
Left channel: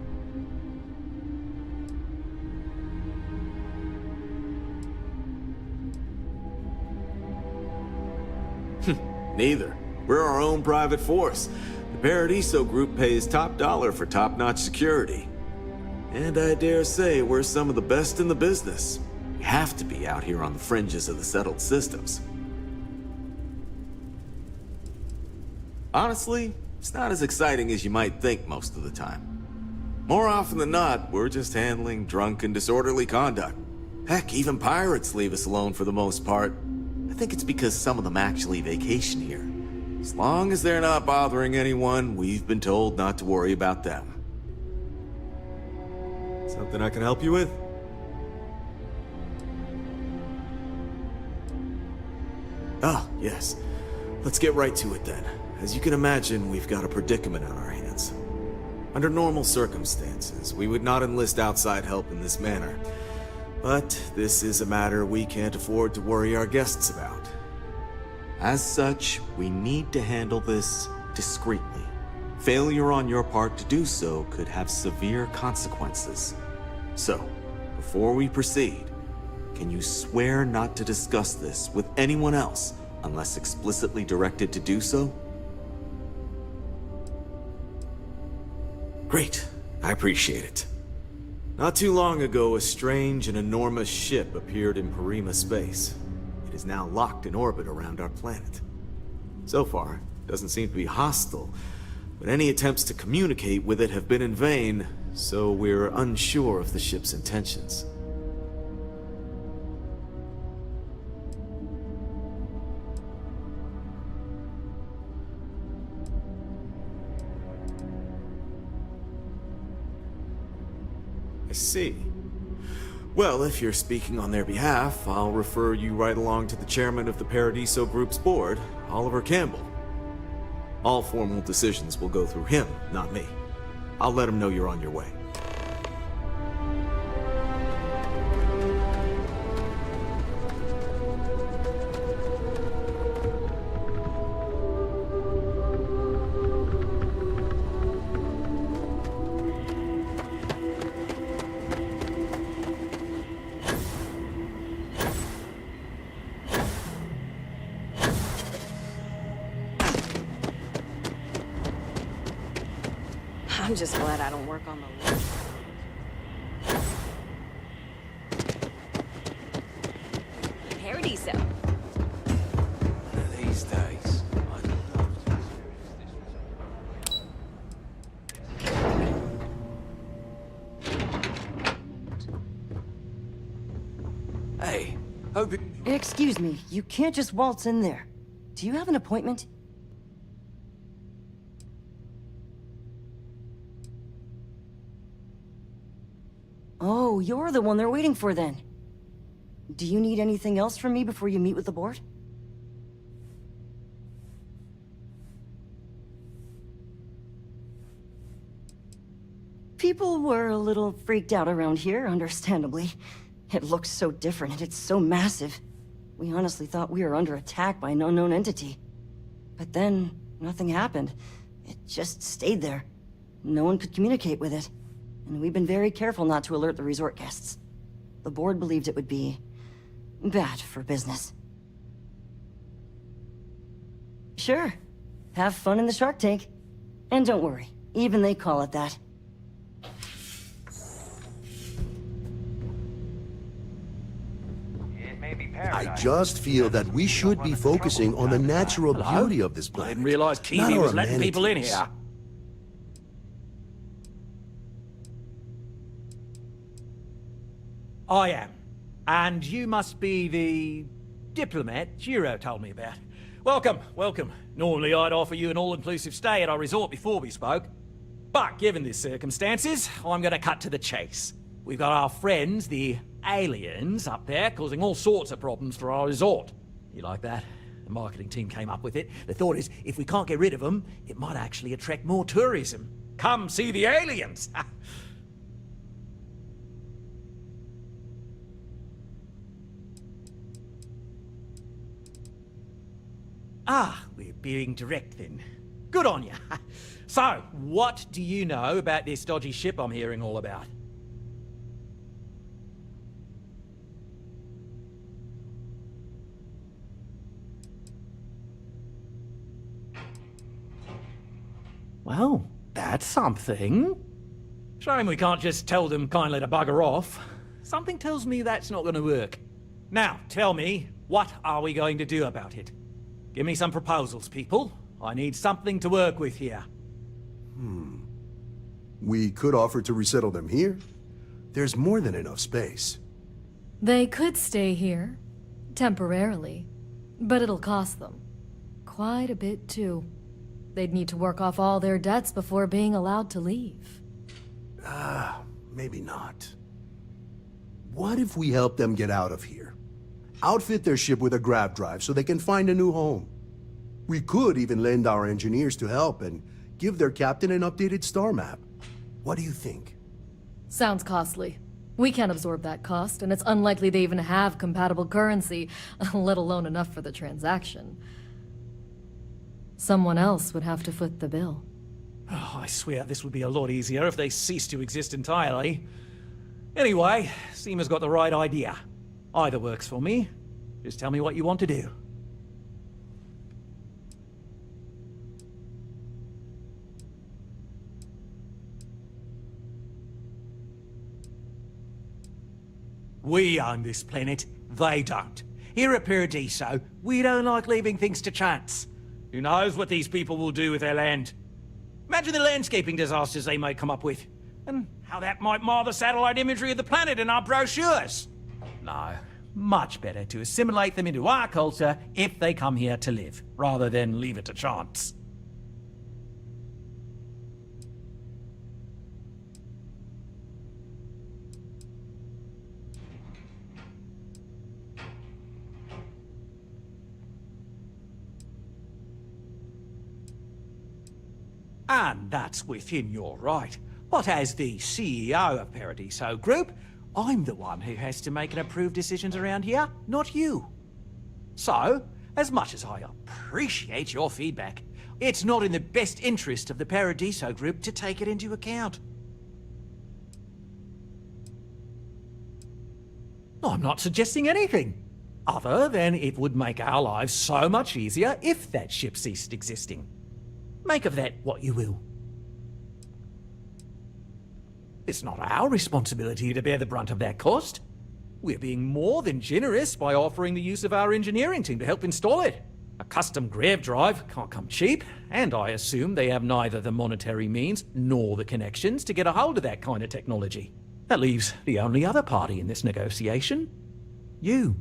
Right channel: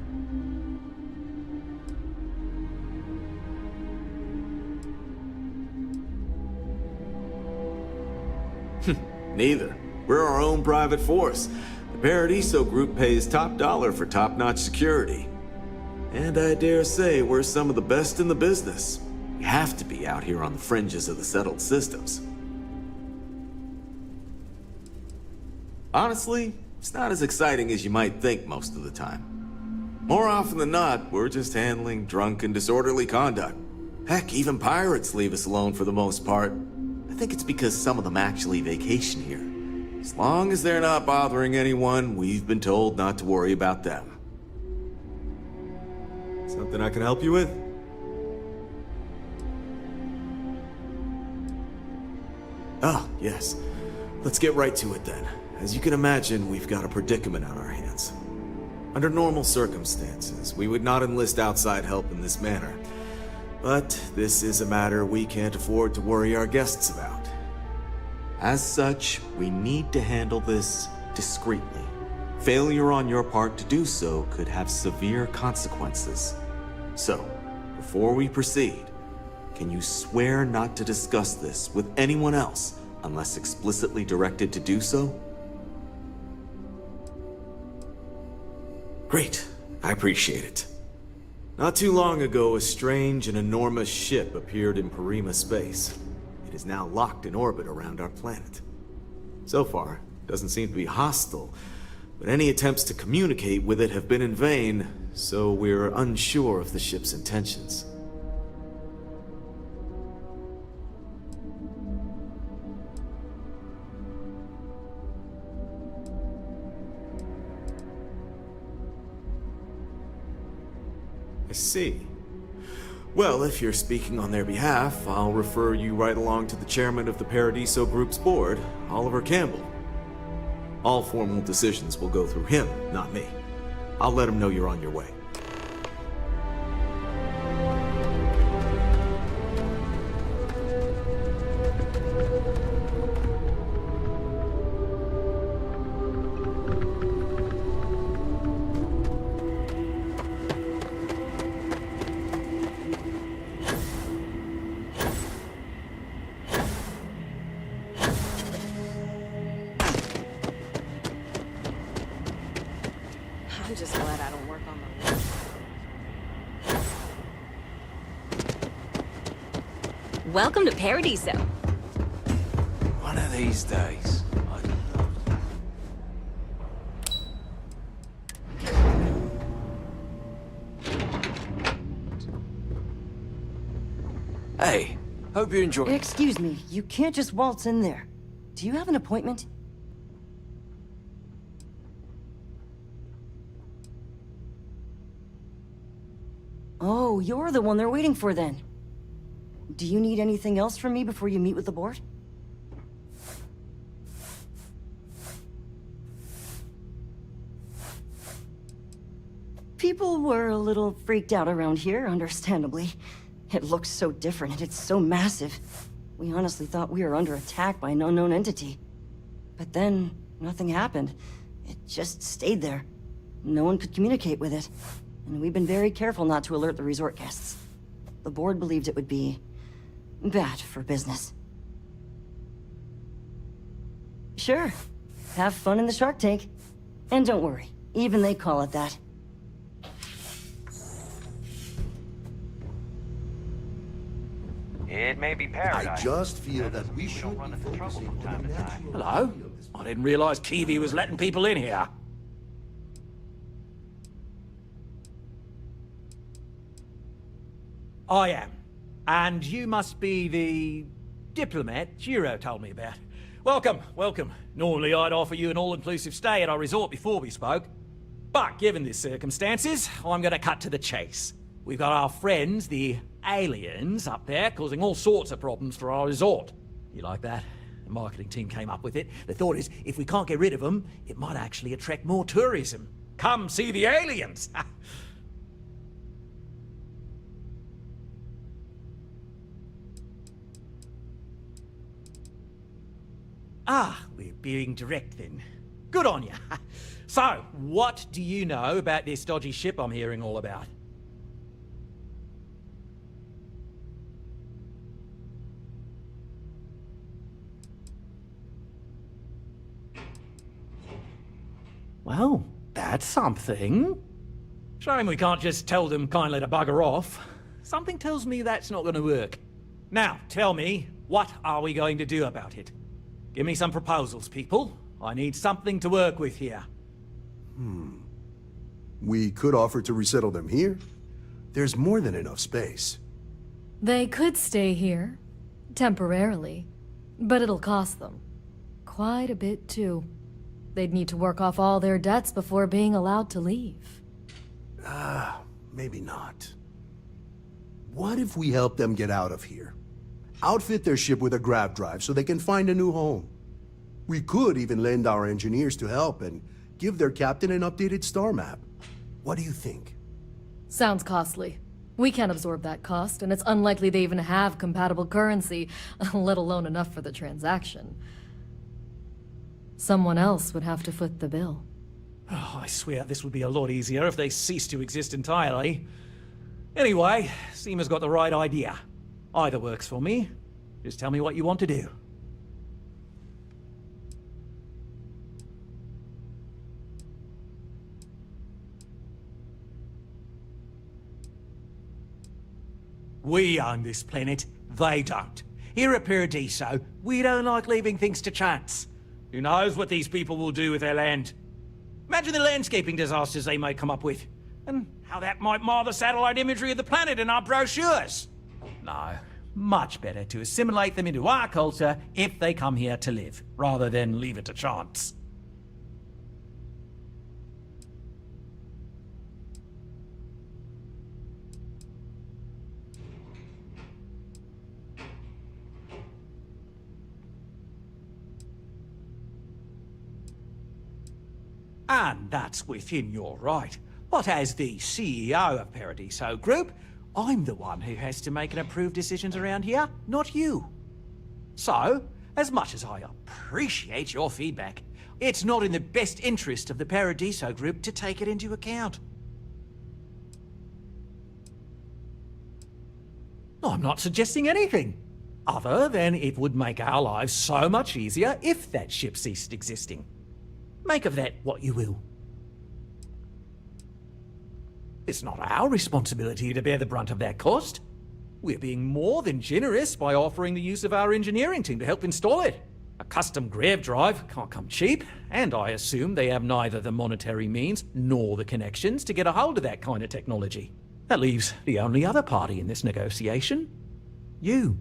Neither. We're our own private force. The Paradiso Group pays top dollar for top-notch security. And I dare say we're some of the best in the business. We have to be out here on the fringes of the settled systems. Honestly, it's not as exciting as you might think most of the time. More often than not, we're just handling drunk and disorderly conduct. Heck, even pirates leave us alone for the most part. I think it's because some of them actually vacation here. As long as they're not bothering anyone, we've been told not to worry about them. Something I can help you with? Oh, yes. Let's get right to it then. As you can imagine, we've got a predicament on our hands. Under normal circumstances, we would not enlist outside help in this manner. But this is a matter we can't afford to worry our guests about. As such, we need to handle this discreetly. Failure on your part to do so could have severe consequences. So, before we proceed, can you swear not to discuss this with anyone else unless explicitly directed to do so? Great. I appreciate it. Not too long ago, a strange and enormous ship appeared in Parima space. It is now locked in orbit around our planet. So far, it doesn't seem to be hostile, but any attempts to communicate with it have been in vain, so we're unsure of the ship's intentions. I see. Well, if you're speaking on their behalf, I'll refer you right along to the chairman of the Paradiso Group's board, Oliver Campbell. All formal decisions will go through him, not me. I'll let him know you're on your way. I'm just glad I don't work on the roof. Welcome to Paradiso. One of these days, I'd love to. Hey, hope you enjoy. Excuse me, you can't just waltz in there. Do you have an appointment? Oh, you're the one they're waiting for then. Do you need anything else from me before you meet with the board? People were a little freaked out around here, understandably. It looks so different and it's so massive. We honestly thought we were under attack by an unknown entity. But then, nothing happened. It just stayed there. No one could communicate with it. And we've been very careful not to alert the resort guests. The board believed it would be bad for business. Sure. Have fun in the shark tank. And don't worry, even they call it that. It may be paradise. I just feel that we should be focusing on the natural beauty of this planet. I didn't realize Kiwi was letting people in here. I am. And you must be the diplomat Jiro told me about. Welcome, welcome. Normally I'd offer you an all-inclusive stay at our resort before we spoke. But given the circumstances, I'm gonna cut to the chase. We've got our friends, the aliens, up there, causing all sorts of problems for our resort. You like that? The marketing team came up with it. The thought is, if we can't get rid of them, it might actually attract more tourism. Come see the aliens! Ah, we're being direct then. Good on you. So, what do you know about this dodgy ship I'm hearing all about? Well, that's something. Shame we can't just tell them kindly to bugger off. Something tells me that's not going to work. Now, tell me, what are we going to do about it? Give me some proposals, people. I need something to work with here. We could offer to resettle them here. There's more than enough space. They could stay here, temporarily, but it'll cost them. Quite a bit, too. They'd need to work off all their debts before being allowed to leave. Maybe not. What if we help them get out of here? Outfit their ship with a grav drive so they can find a new home. We could even lend our engineers to help and give their captain an updated star map. What do you think? Sounds costly. We can't absorb that cost, and it's unlikely they even have compatible currency, let alone enough for the transaction. Someone else would have to foot the bill. Oh, I swear this would be a lot easier if they ceased to exist entirely. Anyway, Seema's got the right idea. Either works for me. Just tell me what you want to do. We own this planet, they don't. Here at Paradiso, we don't like leaving things to chance. Who knows what these people will do with their land? Imagine the landscaping disasters they might come up with, and how that might mar the satellite imagery of the planet in our brochures. No, much better to assimilate them into our culture if they come here to live, rather than leave it to chance. And that's within your right. But as the CEO of Paradiso Group, I'm the one who has to make and approve decisions around here, not you. So, as much as I appreciate your feedback, it's not in the best interest of the Paradiso Group to take it into account. I'm not suggesting anything, other than it would make our lives so much easier if that ship ceased existing. Make of that what you will. It's not our responsibility to bear the brunt of that cost. We're being more than generous by offering the use of our engineering team to help install it. A custom grav drive can't come cheap, and I assume they have neither the monetary means nor the connections to get a hold of that kind of technology. That leaves the only other party in this negotiation. You.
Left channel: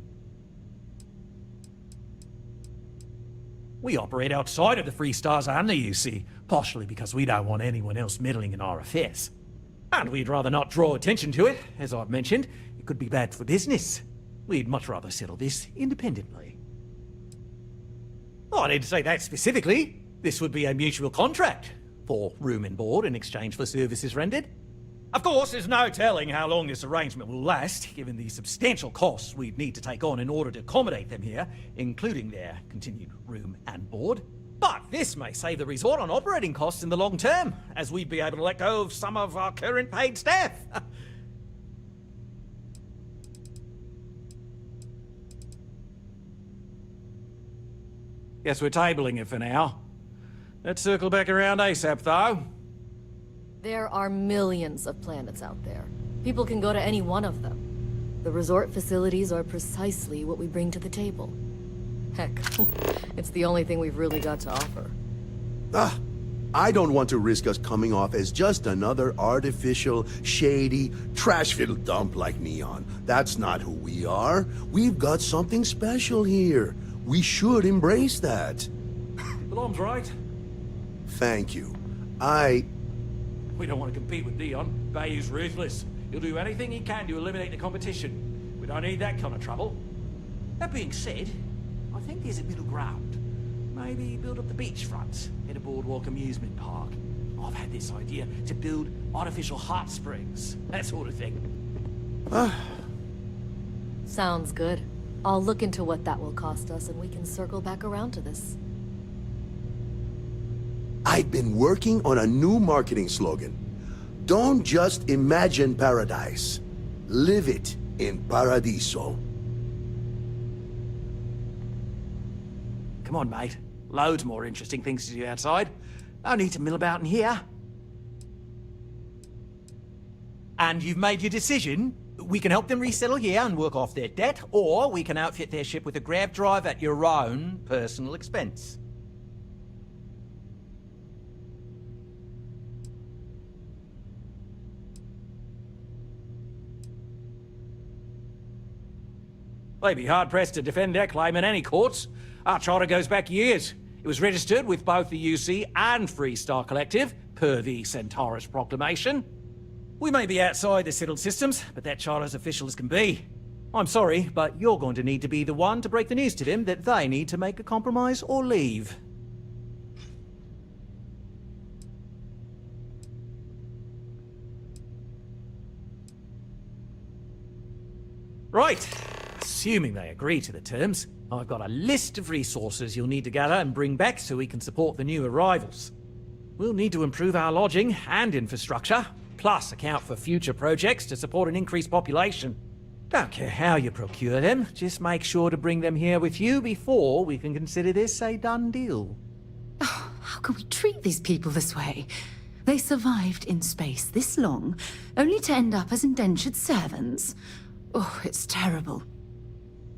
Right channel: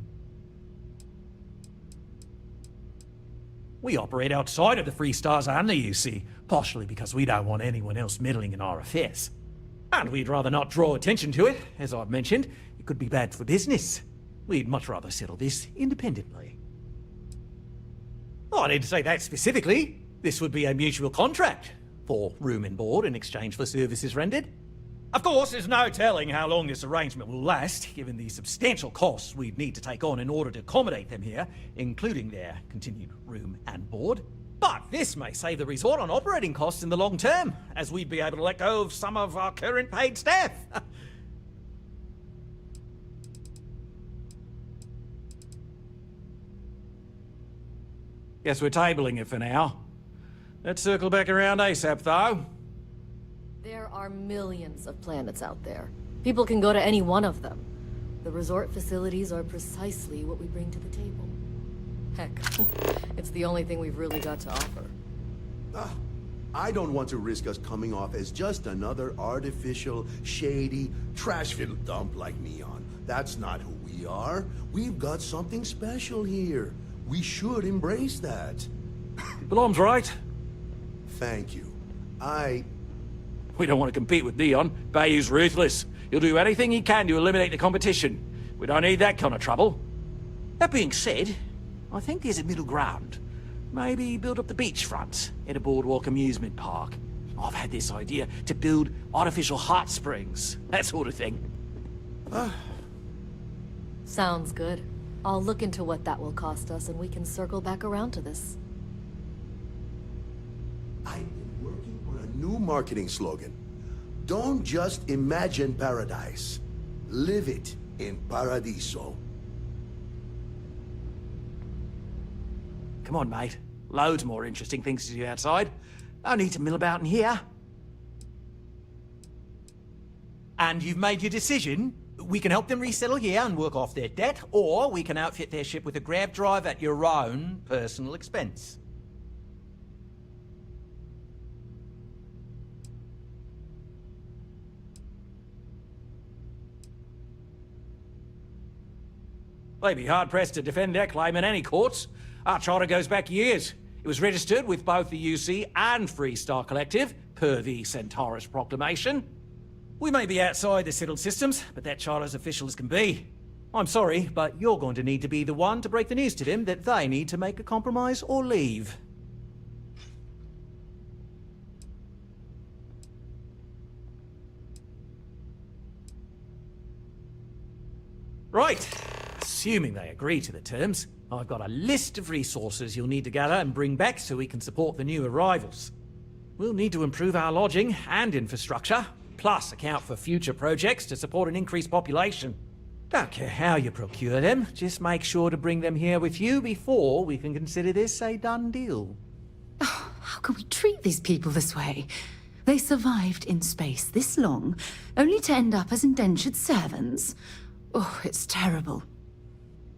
We operate outside of the Free Stars only, you see, partially because we don't want anyone else meddling in our affairs. And we'd rather not draw attention to it. As I've mentioned, it could be bad for business. We'd much rather settle this independently. Oh, I didn't say that specifically. This would be a mutual contract for room and board in exchange for services rendered. Of course, there's no telling how long this arrangement will last, given the substantial costs we'd need to take on in order to accommodate them here, including their continued room and board. But this may save the resort on operating costs in the long term, as we'd be able to let go of some of our current paid staff. Guess we're tabling it for now. Let's circle back around ASAP, though. There are millions of planets out there. People can go to any one of them. The resort facilities are precisely what we bring to the table. Heck, it's the only thing we've really got to offer. I don't want to risk us coming off as just another artificial, shady, trash-filled dump like Neon. That's not who we are. We've got something special here. We should embrace that. Blom's right. Thank you. We don't want to compete with Neon. Bayou's ruthless. He'll do anything he can to eliminate the competition. We don't need that kind of trouble. That being said, I think there's a middle ground. Maybe build up the beachfront in a boardwalk amusement park. I've had this idea to build artificial hot springs. That sort of thing. Sounds good. I'll look into what that will cost us and we can circle back around to this. I've been working on a new marketing slogan. Don't just imagine paradise. Live it in Paradiso. Come on, mate. Loads more interesting things to do outside. No need to mill about in here. And you've made your decision? We can help them resettle here and work off their debt, or we can outfit their ship with a grav drive at your own personal expense. They'd be hard-pressed to defend their claim in any courts. Our charter goes back years. It was registered with both the UC and Free Star Collective, per the Centaurus Proclamation. We may be outside the settled systems, but that charter's official as can be. I'm sorry, but you're going to need to be the one to break the news to them that they need to make a compromise or leave. Right. Assuming they agree to the terms, I've got a list of resources you'll need to gather and bring back so we can support the new arrivals. We'll need to improve our lodging and infrastructure, plus account for future projects to support an increased population. Don't care how you procure them, just make sure to bring them here with you before we can consider this a done deal. Oh, how can we treat these people this way? They survived in space this long, only to end up as indentured servants. Oh, it's terrible.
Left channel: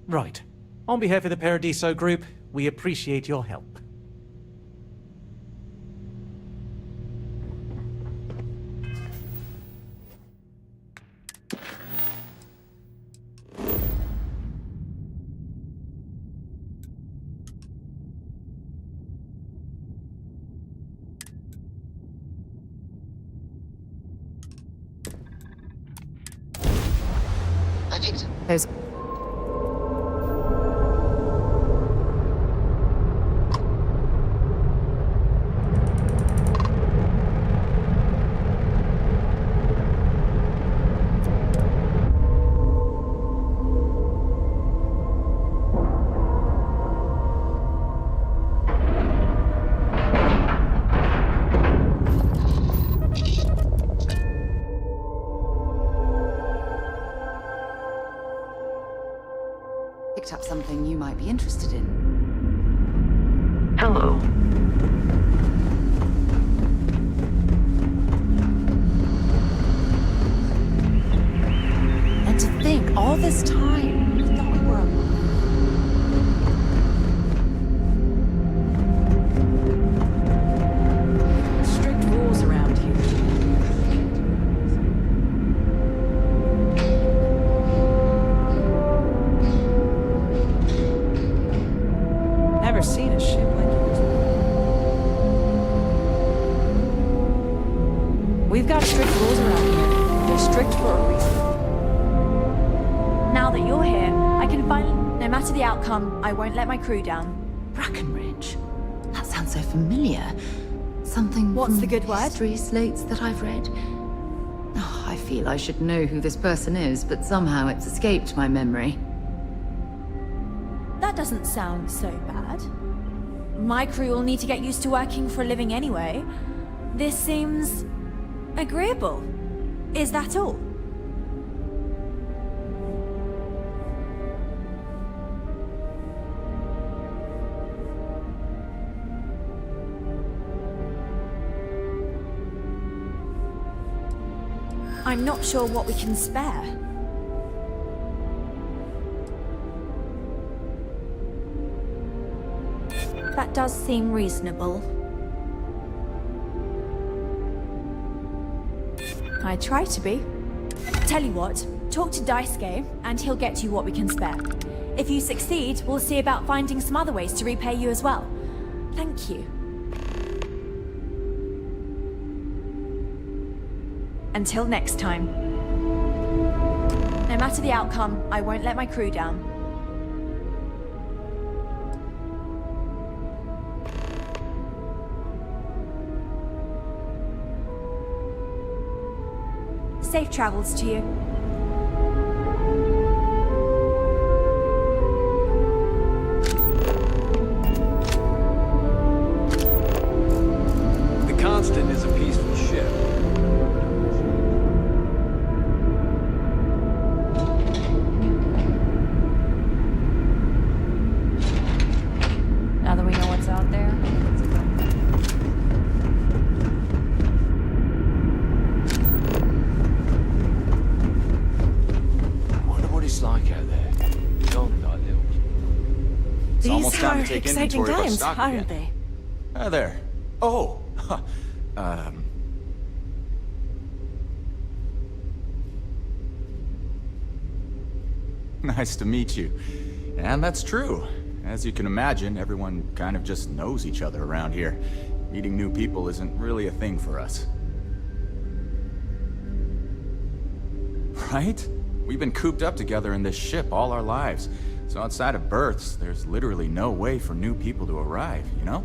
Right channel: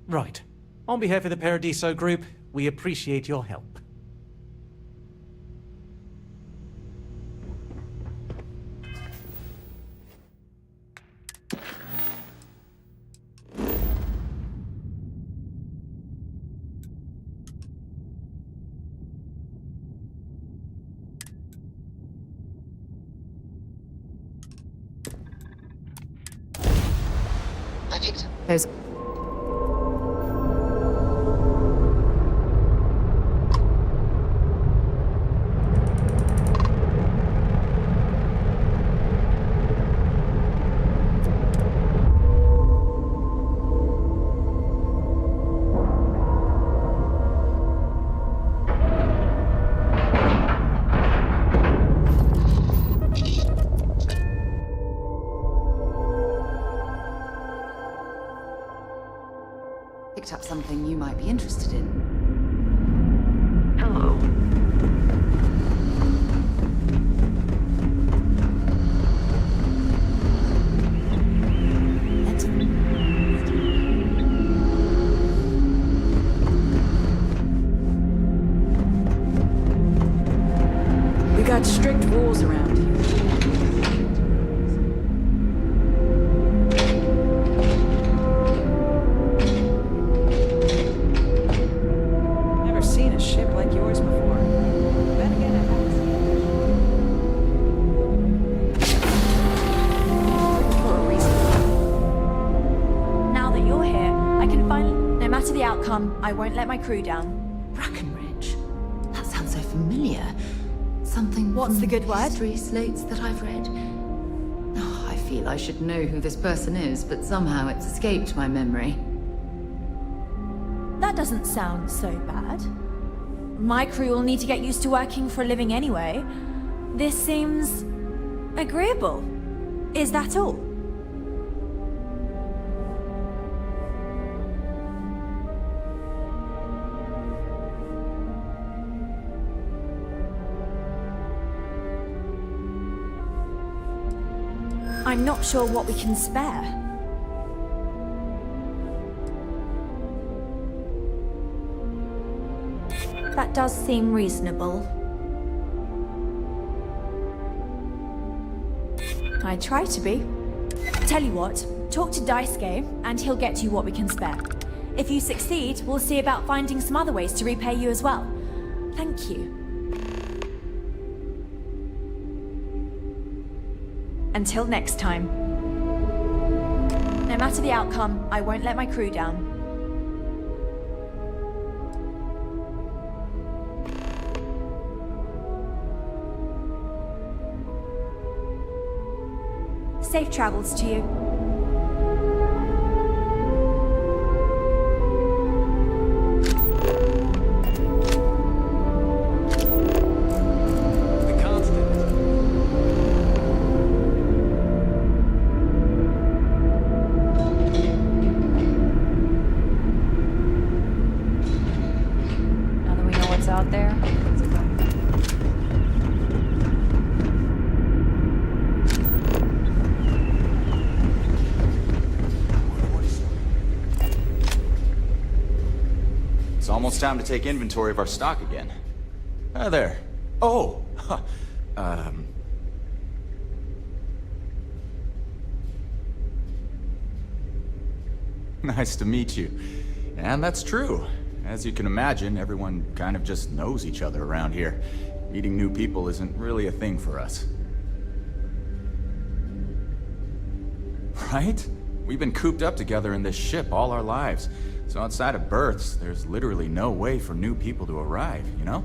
Right. On behalf of the Paradiso Group, we appreciate your help. I picked up those. Picked up something you might be interested in. Hello. strict rules around here. Never seen a ship like yours before. Then again, it has. We've got strict rules around here. They're strict for a reason. Now that you're here, I can finally... No matter the outcome, I won't let my crew down. Brackenridge? That sounds so familiar. Something What's from the good word? history slates that I've read. Oh, I feel I should know who this person is, but somehow it's escaped my memory. That doesn't sound so bad. My crew will need to get used to working for a living anyway. This seems... agreeable. Is that all? I'm not sure what we can spare. That does seem reasonable. I try to be. Tell you what, talk to Daisuke, and he'll get you what we can spare. If you succeed, we'll see about finding some other ways to repay you as well. Thank you. Until next time. No matter the outcome, I won't let my crew down. Safe travels to you. The Constant is a peaceful ship. Now that we know what's out there, let's go. It's almost time to take inventory of our stock again. Hi there. Oh! Nice to meet you. And that's true. As you can imagine, everyone kind of just knows each other around here. Meeting new people isn't really a thing for us. Right? We've been cooped up together in this ship all our lives. So outside of births, there's literally no way for new people to arrive, you know?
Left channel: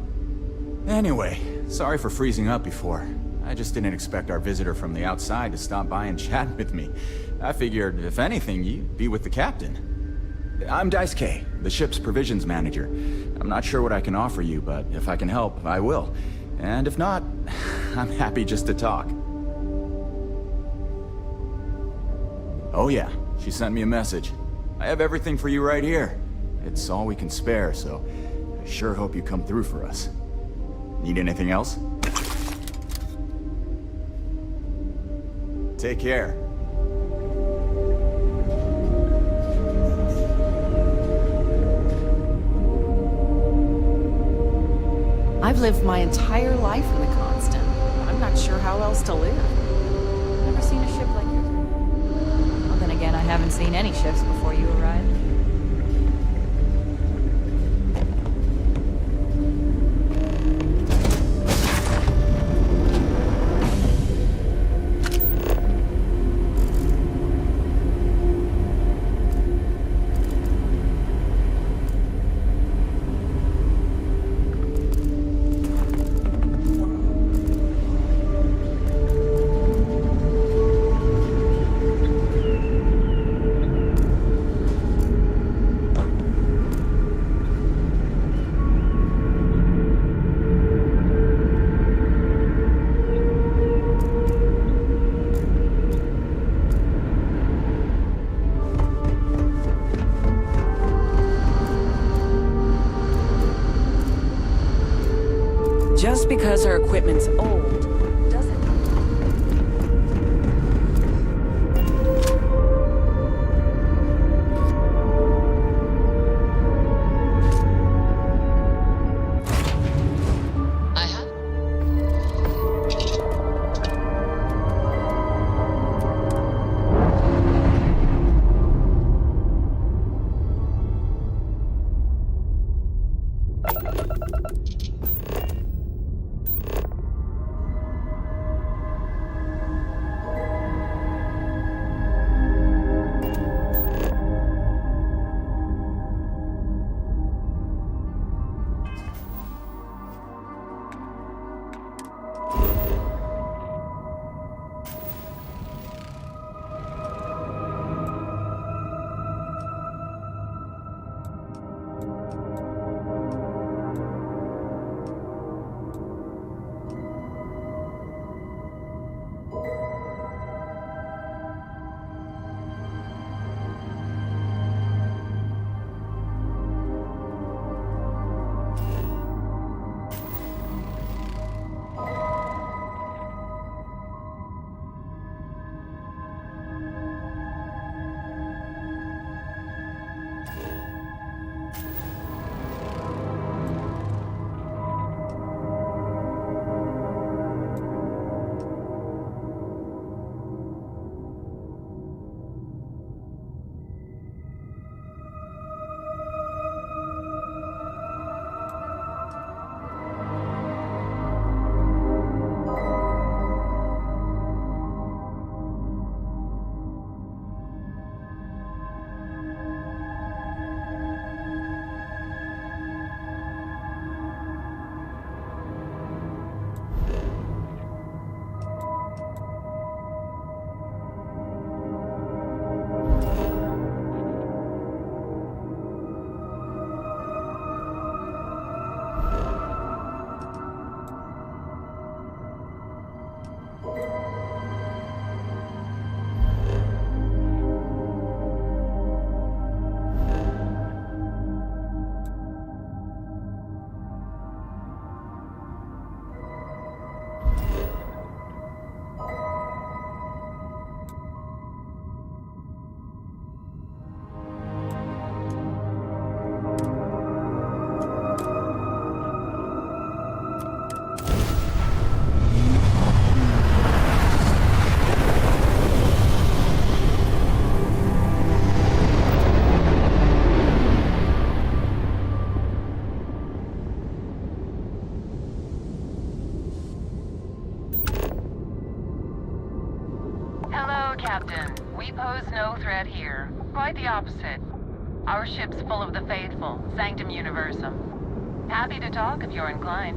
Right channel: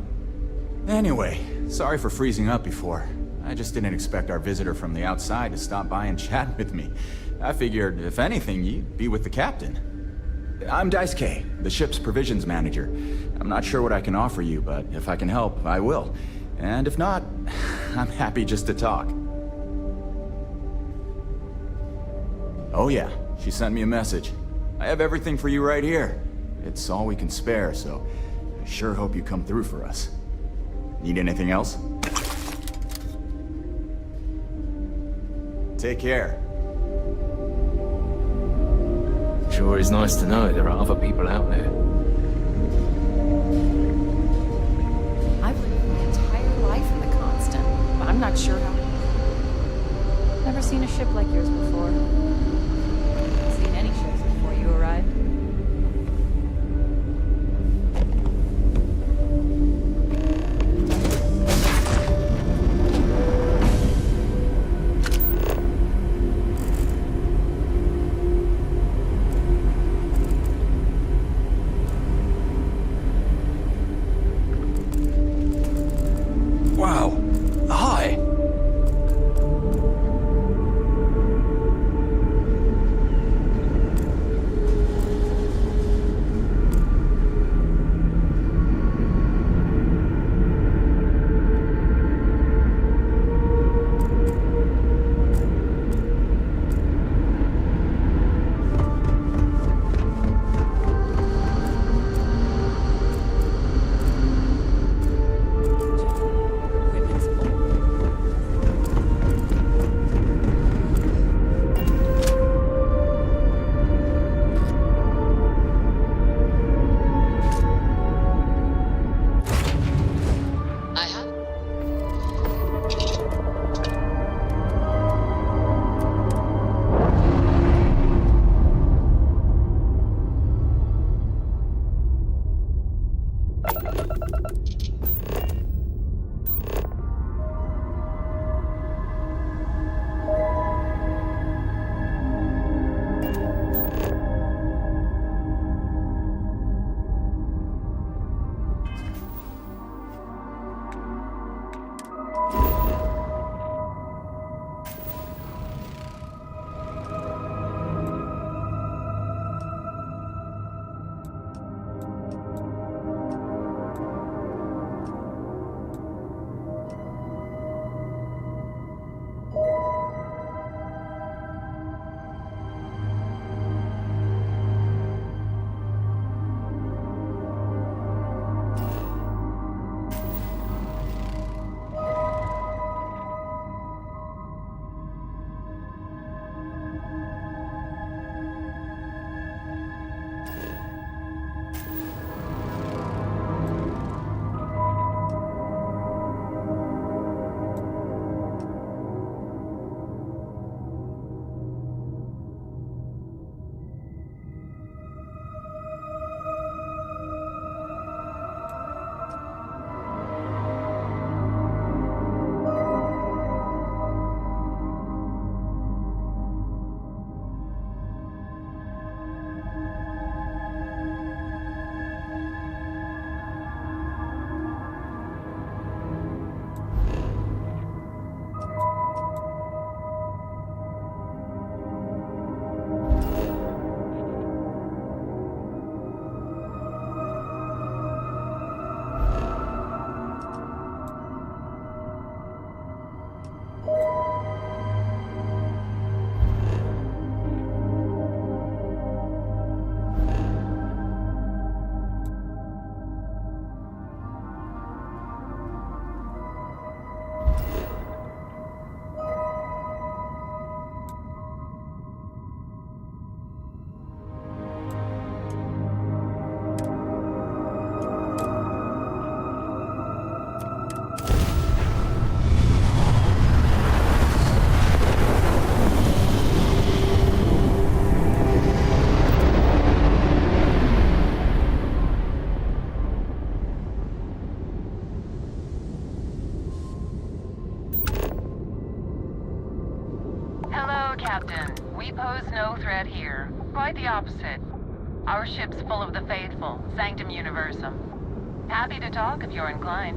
Anyway, sorry for freezing up before. I just didn't expect our visitor from the outside to stop by and chat with me. I figured, if anything, you'd be with the captain. I'm Daisuke, the ship's provisions manager. I'm not sure what I can offer you, but if I can help, I will. And if not, I'm happy just to talk. Oh yeah, she sent me a message. I have everything for you right here. It's all we can spare, so I sure hope you come through for us. Need anything else? Take care. Sure is nice to know there are other people out there. I've lived my entire life in the Constant. I'm not sure how else to live. Never seen a ship like yours before. Well, then again, I haven't seen any ships before you arrived. Wow. Hi. Just because our equipment's old, doesn't No, Captain. We pose no threat here. Quite the opposite. Our ship's full of the faithful, Sanctum Universum. Happy to talk if you're inclined.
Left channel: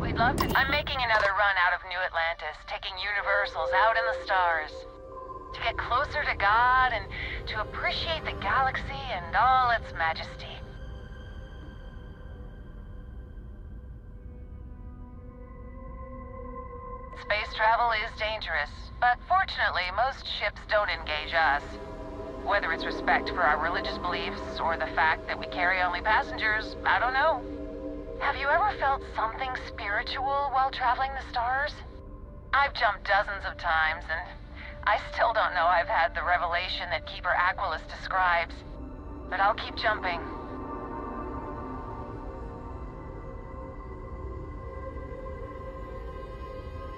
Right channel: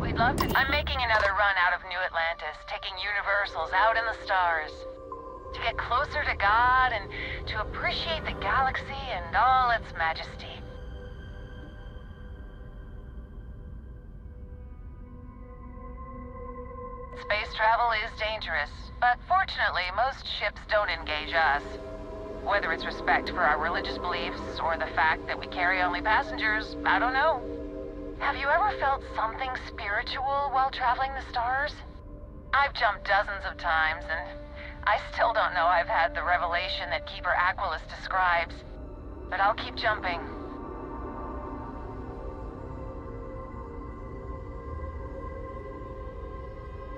We'd love to. I'm making another run out of New Atlantis, taking Universals out in the stars. To get closer to God and to appreciate the galaxy and all its majesty. Space travel is dangerous, but fortunately, most ships don't engage us. Whether it's respect for our religious beliefs or the fact that we carry only passengers, I don't know. Have you ever felt something spiritual while traveling the stars? I've jumped dozens of times, and I still don't know I've had the revelation that Keeper Aquilus describes. But I'll keep jumping.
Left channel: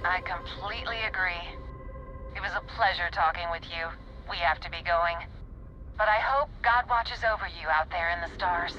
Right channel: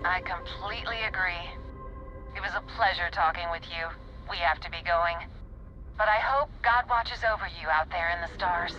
I completely agree. It was a pleasure talking with you. We have to be going. But I hope God watches over you out there in the stars.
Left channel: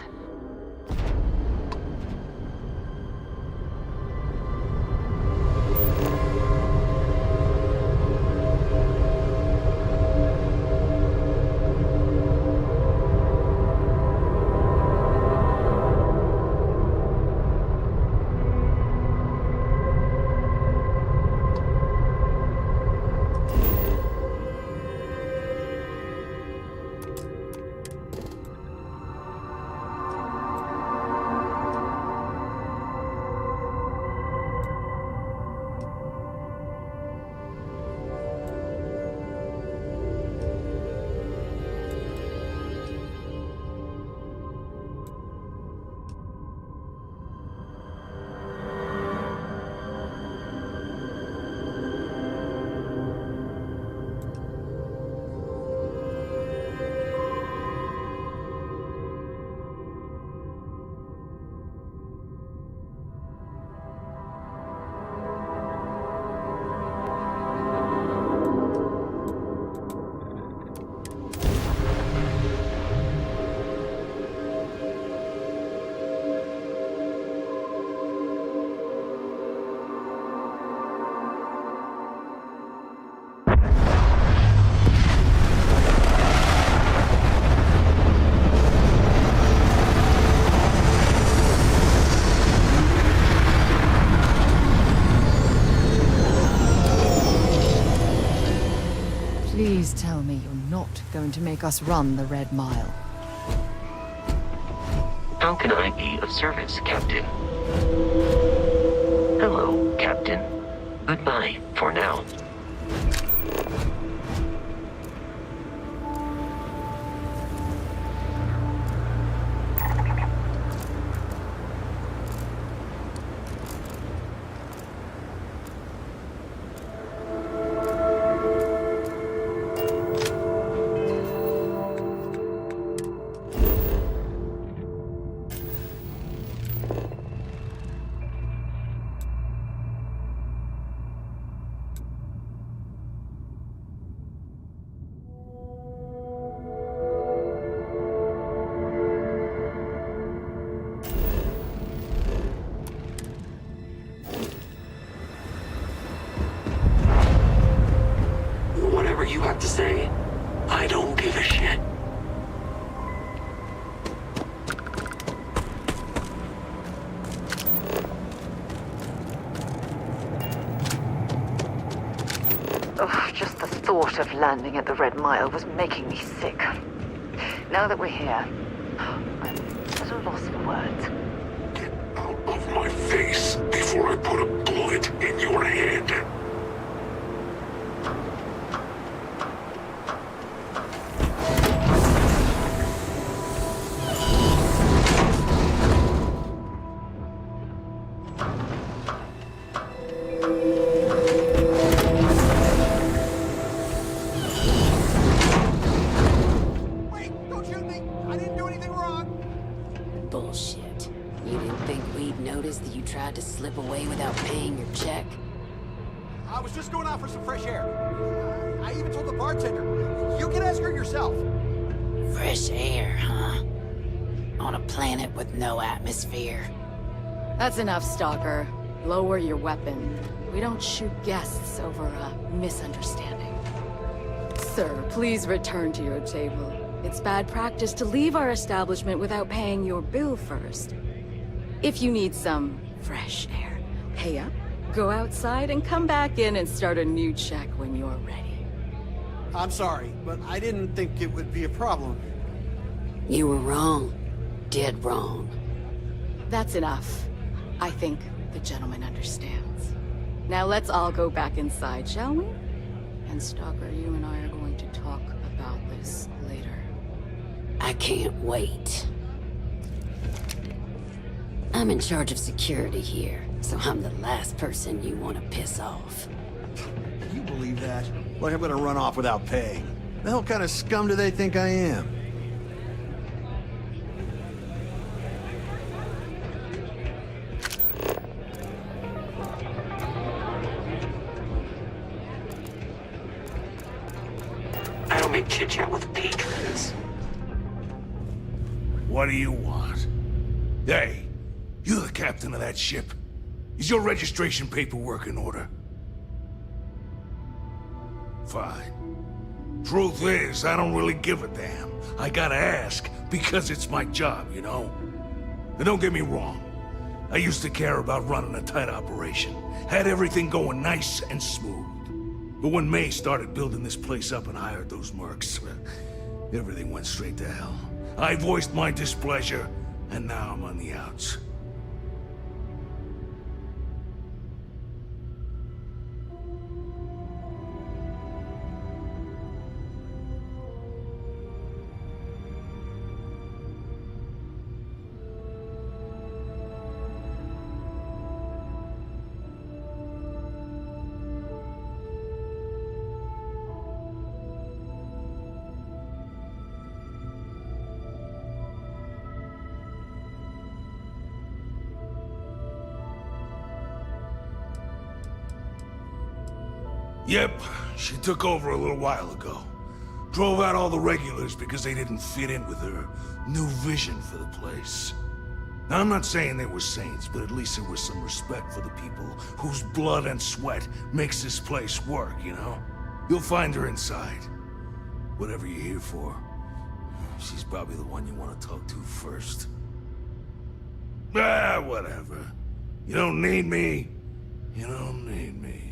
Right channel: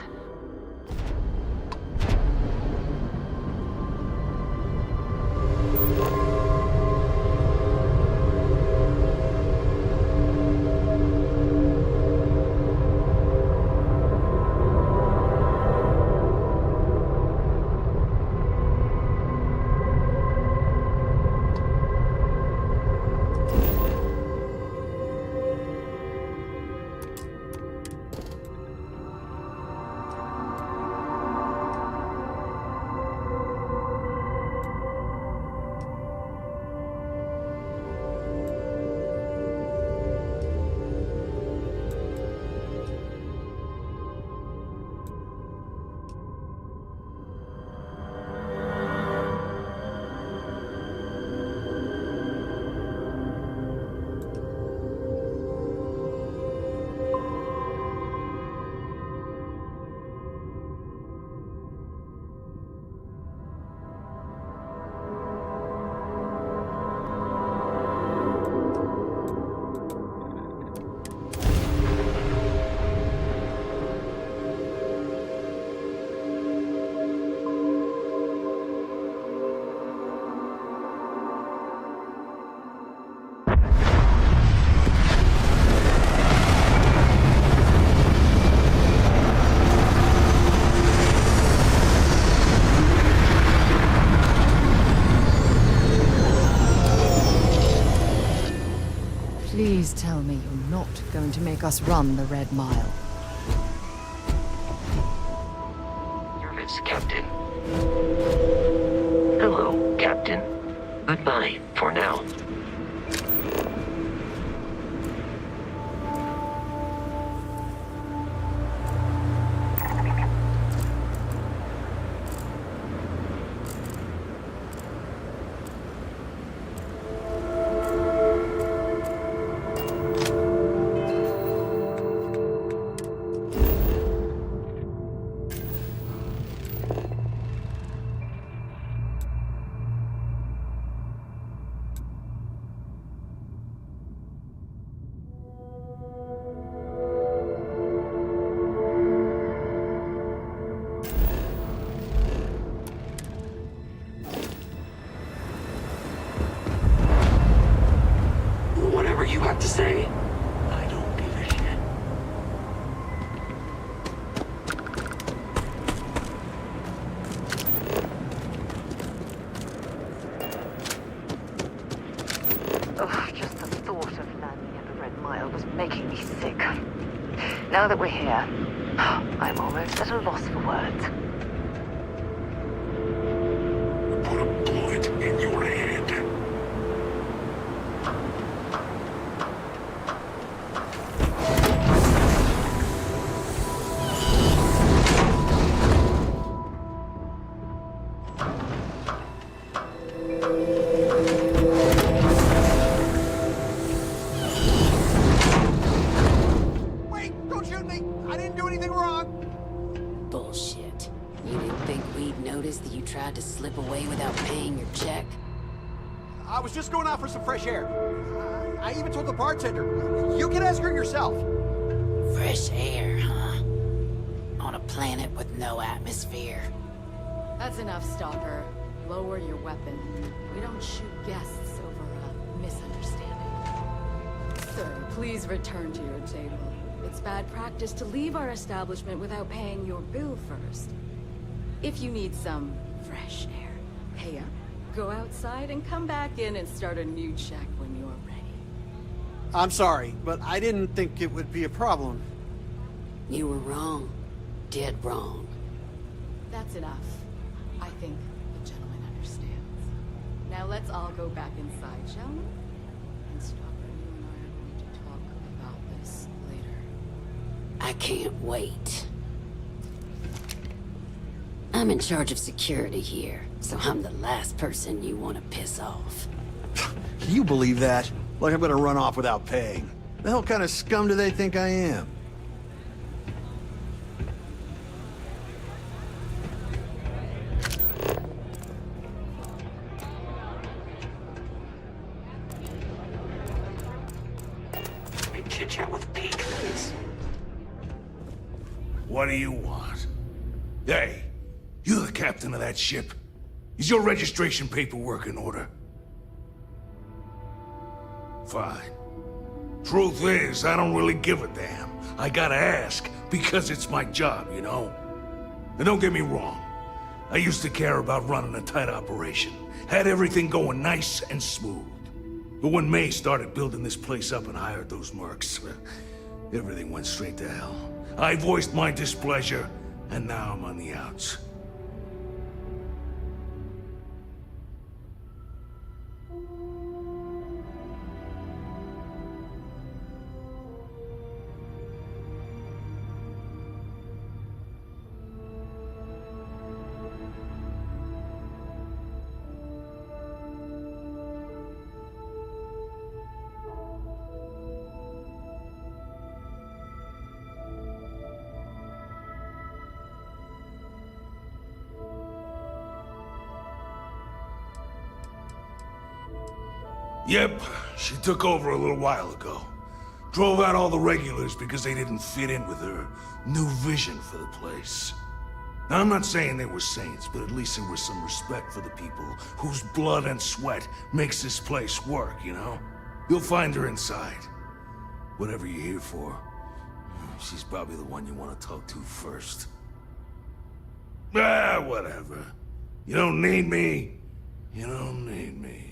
Please tell me you're not going to make us run the Red Mile. How can I be of service, Captain? Hello, Captain. Goodbye, for now. Whatever you have to say, I don't give a shit. Oh, just the thought of landing at the Red Mile was making me sick. Now that we're here, I'm almost at a loss for words. Get out of my face before I put a bullet in your head. Bullshit. You didn't think we'd notice that you tried to slip away without paying your check? I was just going out for some fresh air. I even told the bartender. You can ask her yourself. Fresh air, huh? On a planet with no atmosphere. That's enough, Stalker. Lower your weapon. We don't shoot guests over a misunderstanding. Sir, please return to your table. It's bad practice to leave our establishment without paying your bill first. If you need some fresh air, pay up, go outside, and come back in and start a new check when you're ready. I'm sorry, but I didn't think it would be a problem. You were wrong. Dead wrong. That's enough. I think the gentleman understands. Now let's all go back inside, shall we? And Stalker, you and I are going to talk about this later. I can't wait. I'm in charge of security here, so I'm the last person you want to piss off. Can you believe that? Like I'm gonna run off without paying. The hell kind of scum do they think I am? I don't make chit-chat with patrons. What do you want? Hey, you're the captain of that ship. Is your registration paperwork in order? Fine. Truth is, I don't really give a damn. I gotta ask, because it's my job, you know? And don't get me wrong. I used to care about running a tight operation. Had everything going nice and smooth. But when May started building this place up and hired those mercs, everything went straight to hell. I voiced my displeasure, and now I'm on the outs. Yep, she took over a little while ago. Drove out all the regulars because they didn't fit in with her new vision for the place. Now, I'm not saying they were saints, but at least there was some respect for the people whose blood and sweat makes this place work, you know? You'll find her inside. Whatever you're here for, she's probably the one you want to talk to first. Ah, whatever. You don't need me. You don't need me.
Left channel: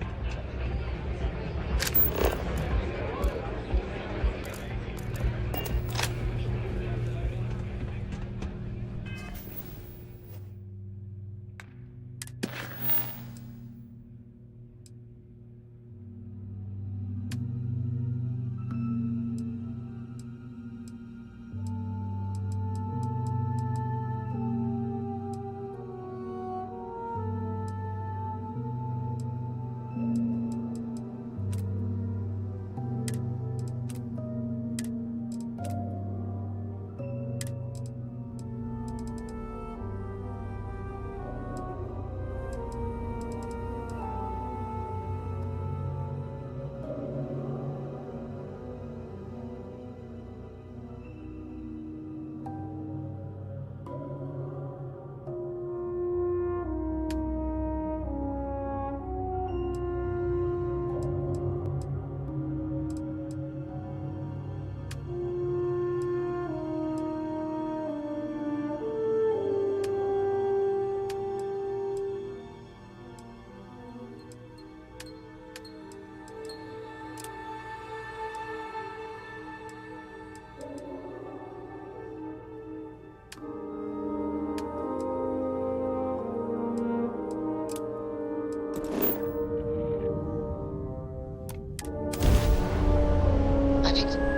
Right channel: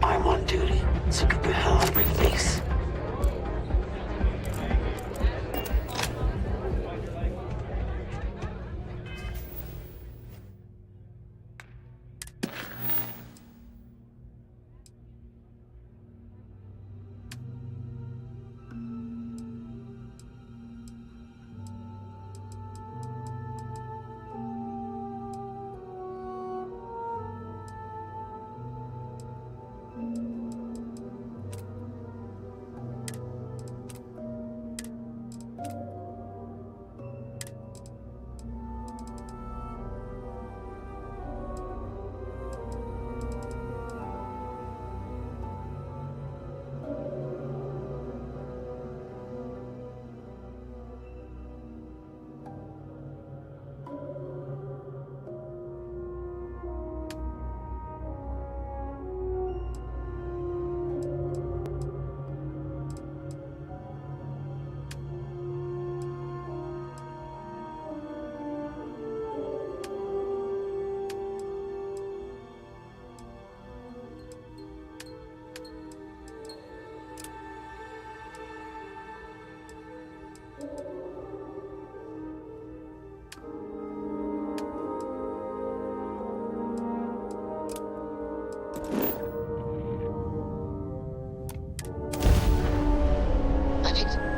I'm on duty, so get the hell out of my face.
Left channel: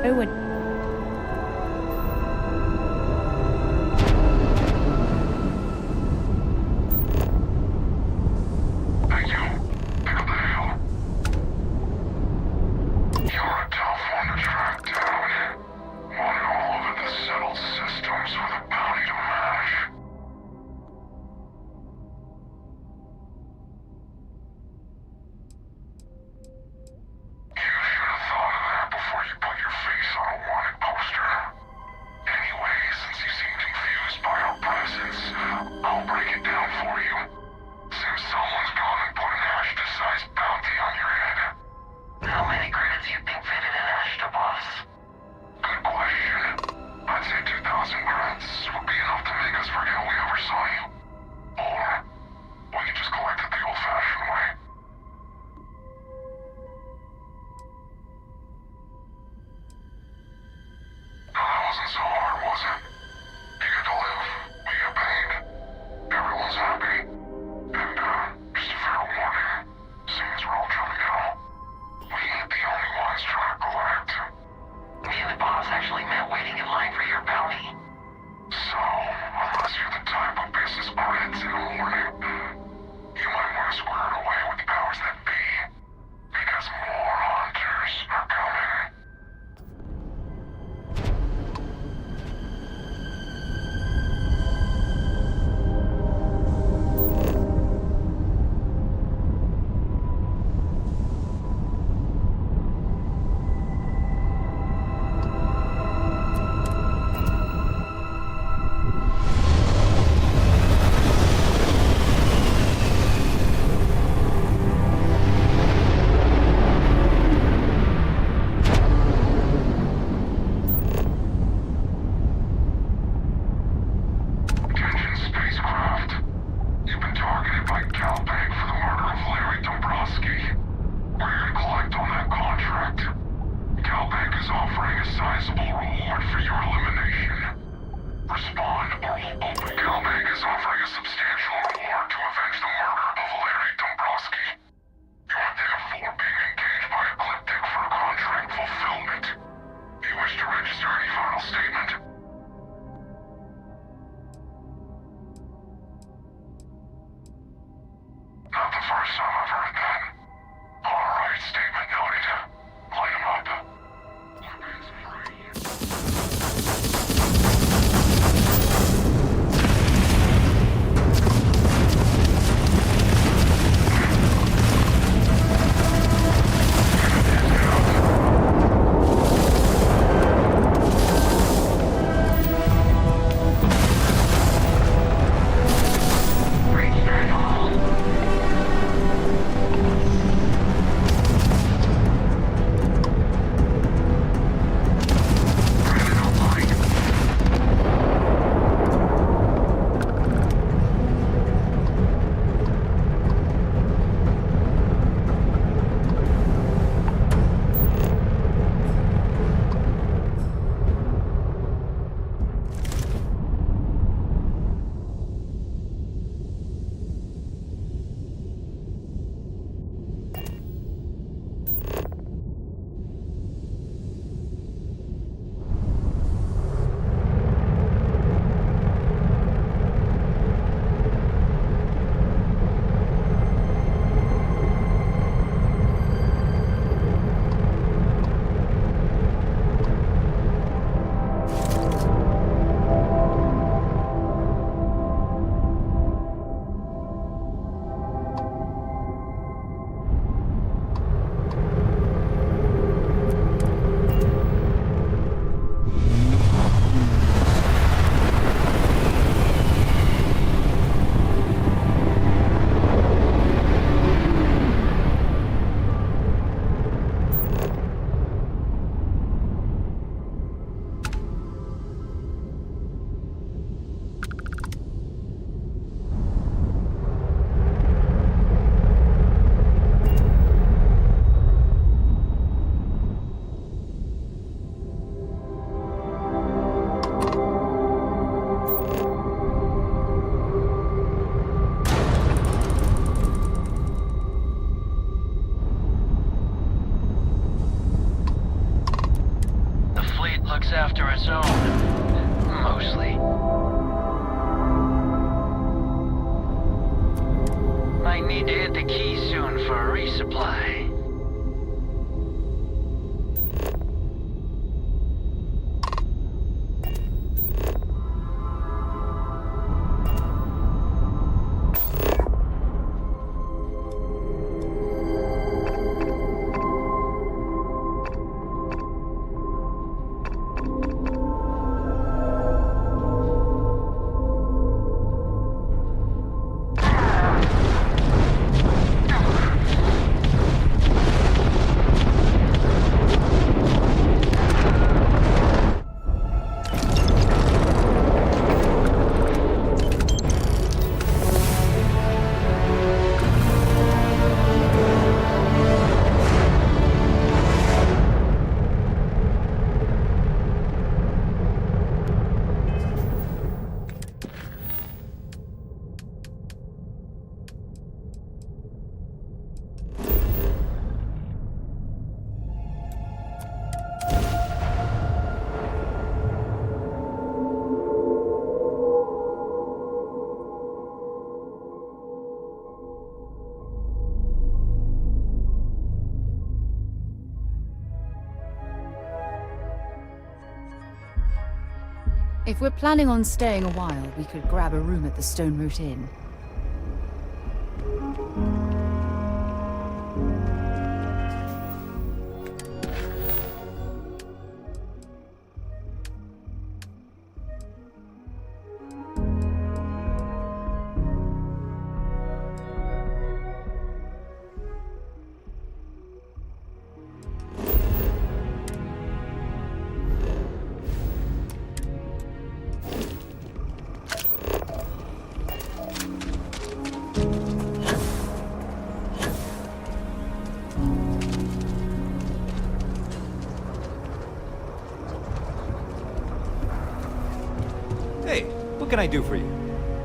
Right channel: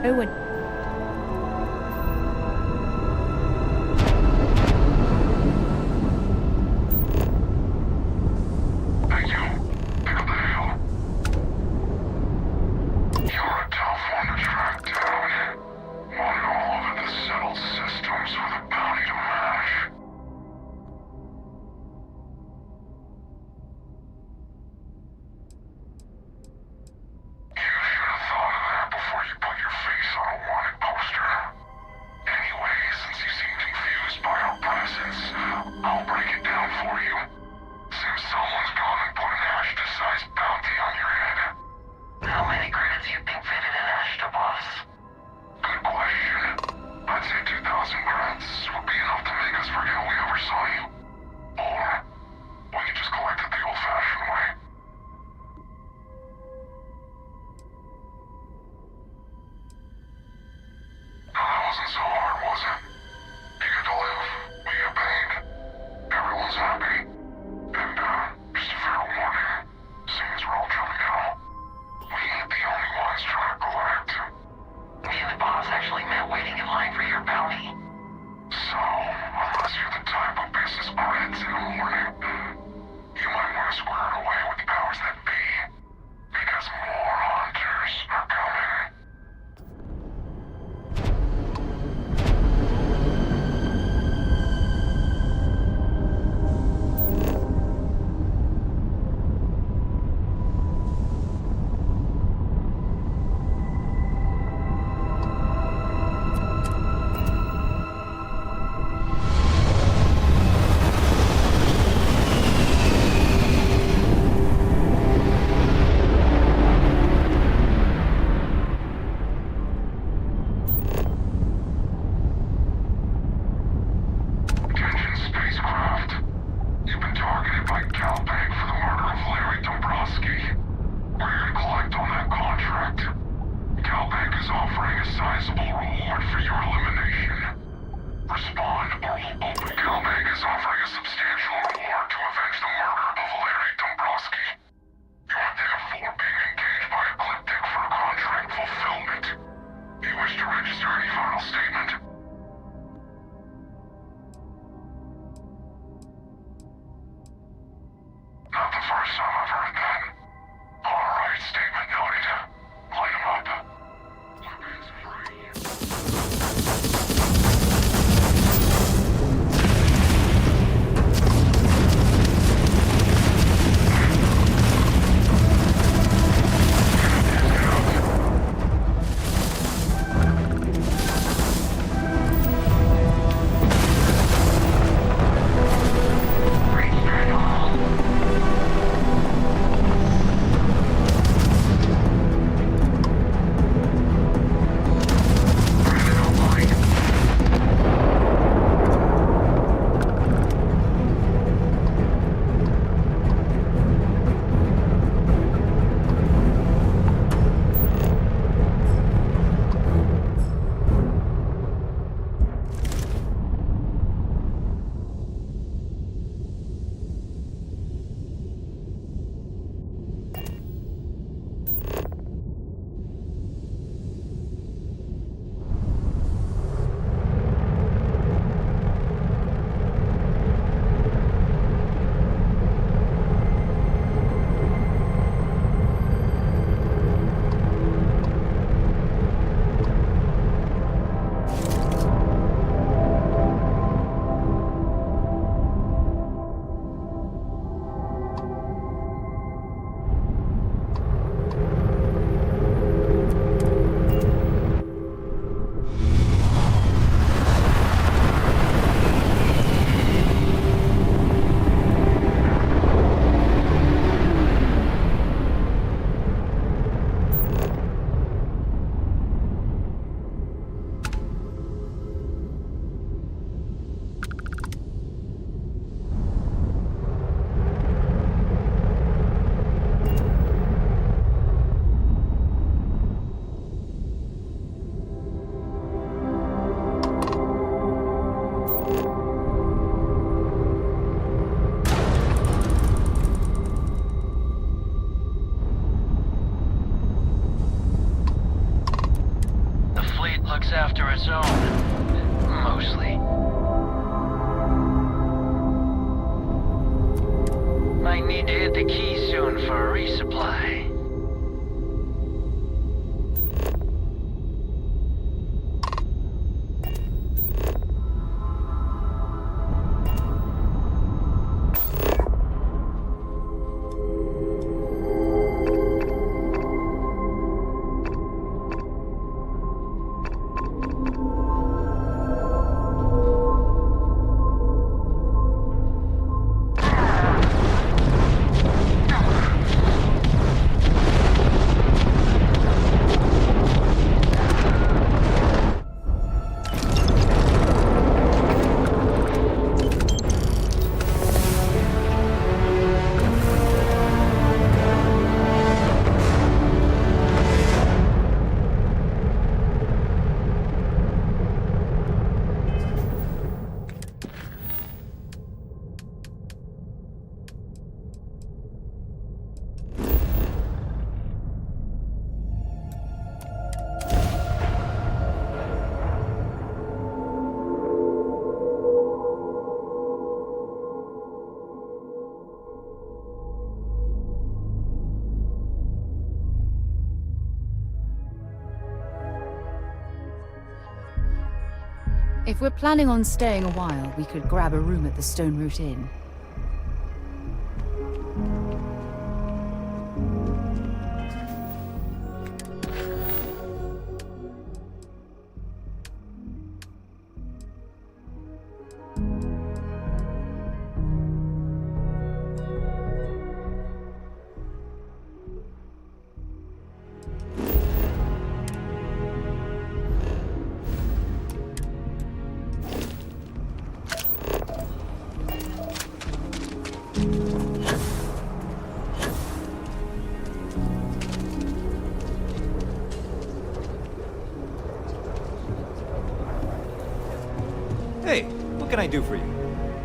Owen. Hey, you. Pick up the hell. You're a tough one to track down. Wanted all over the settled systems with a bounty to match. You should have thought of that before you put your face on a our its own. Mostly. Might need to hit the key soon for a resupply. If we're planning on staying a while, we could grab a room at the Stone Root Inn. Hey, what can I do for you?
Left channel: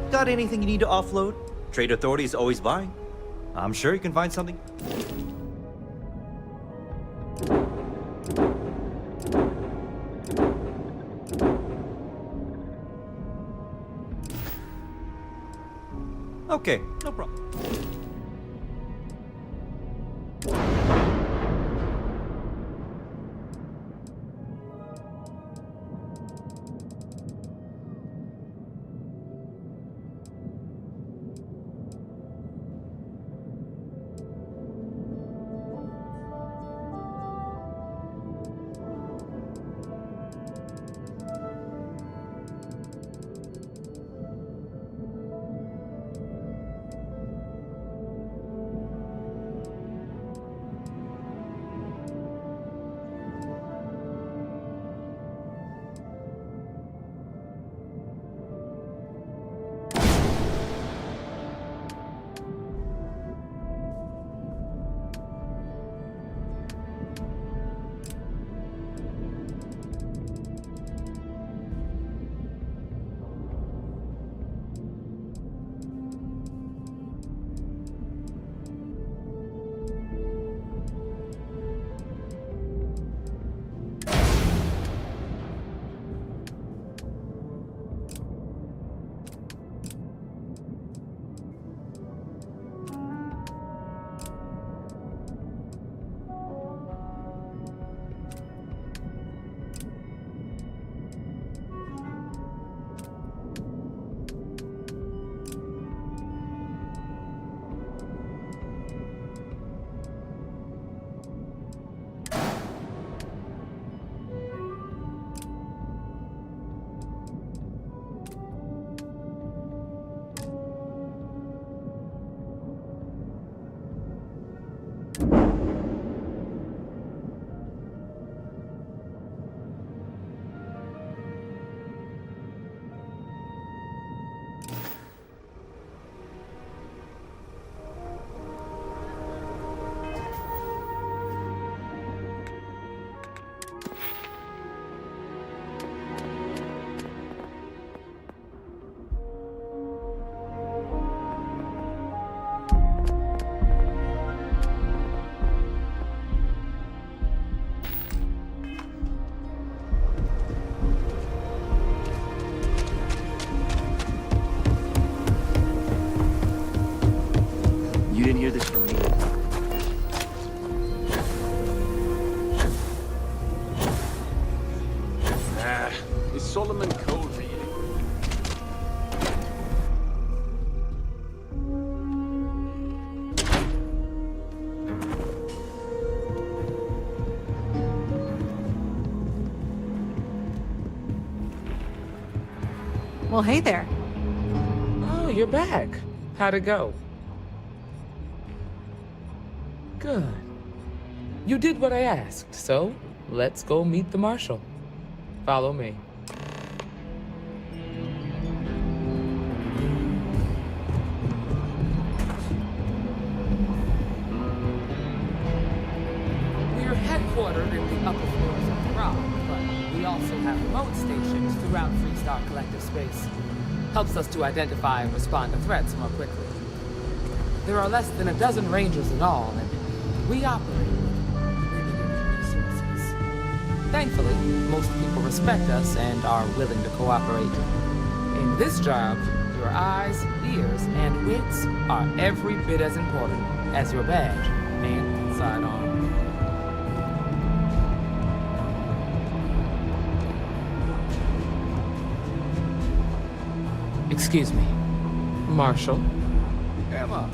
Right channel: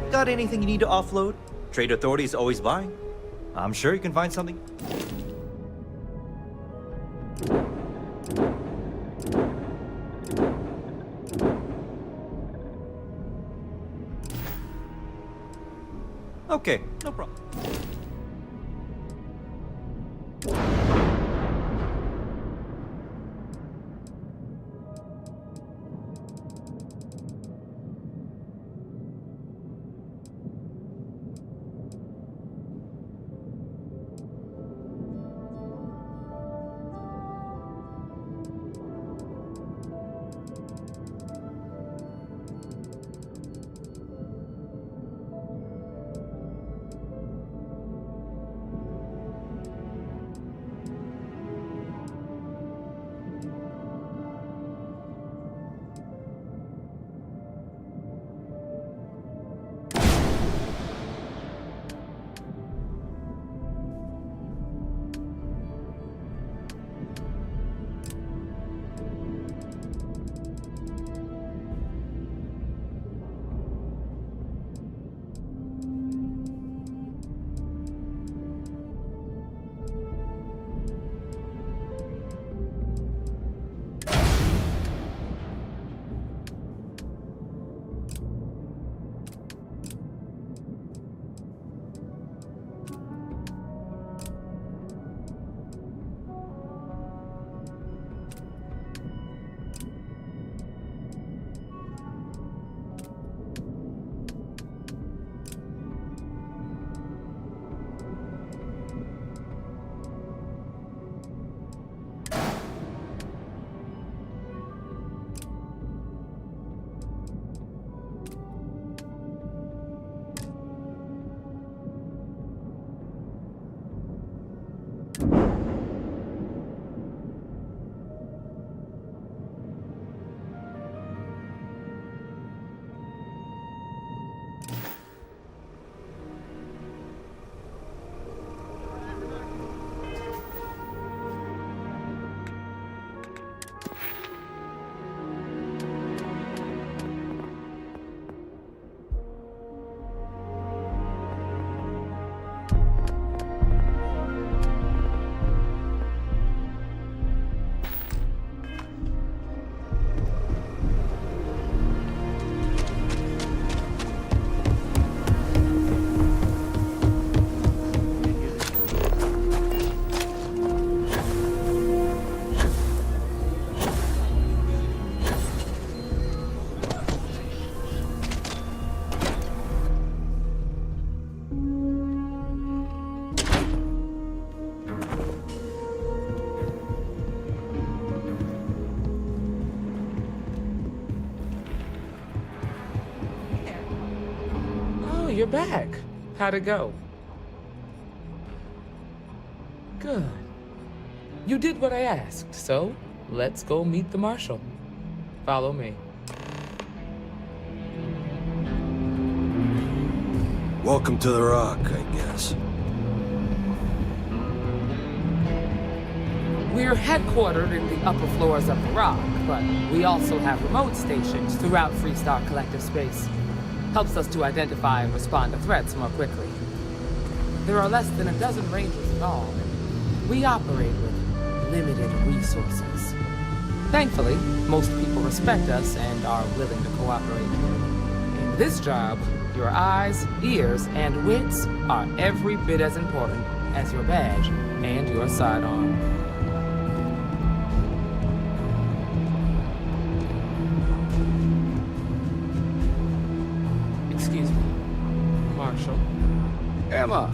Got anything you need to offload? Trade Authority's always buying. I'm sure you can find something. Okay, no problem. Well, hey there. Oh, you're back. How'd it go? Good. You did what I asked, so let's go meet the Marshal. Follow me. Welcome to the Rock, I guess. We're headquartered in the upper floors of the Rock, but we also have remote stations throughout Freestar Collective space. Helps us to identify and respond to threats more quickly. There are less than a dozen Rangers in all, and we operate with limited resources. Thankfully, most people respect us and are willing to cooperate. In this job, your eyes, ears, and wits are every bit as important as your badge and your sidearm. Excuse me, Marshal? Emma!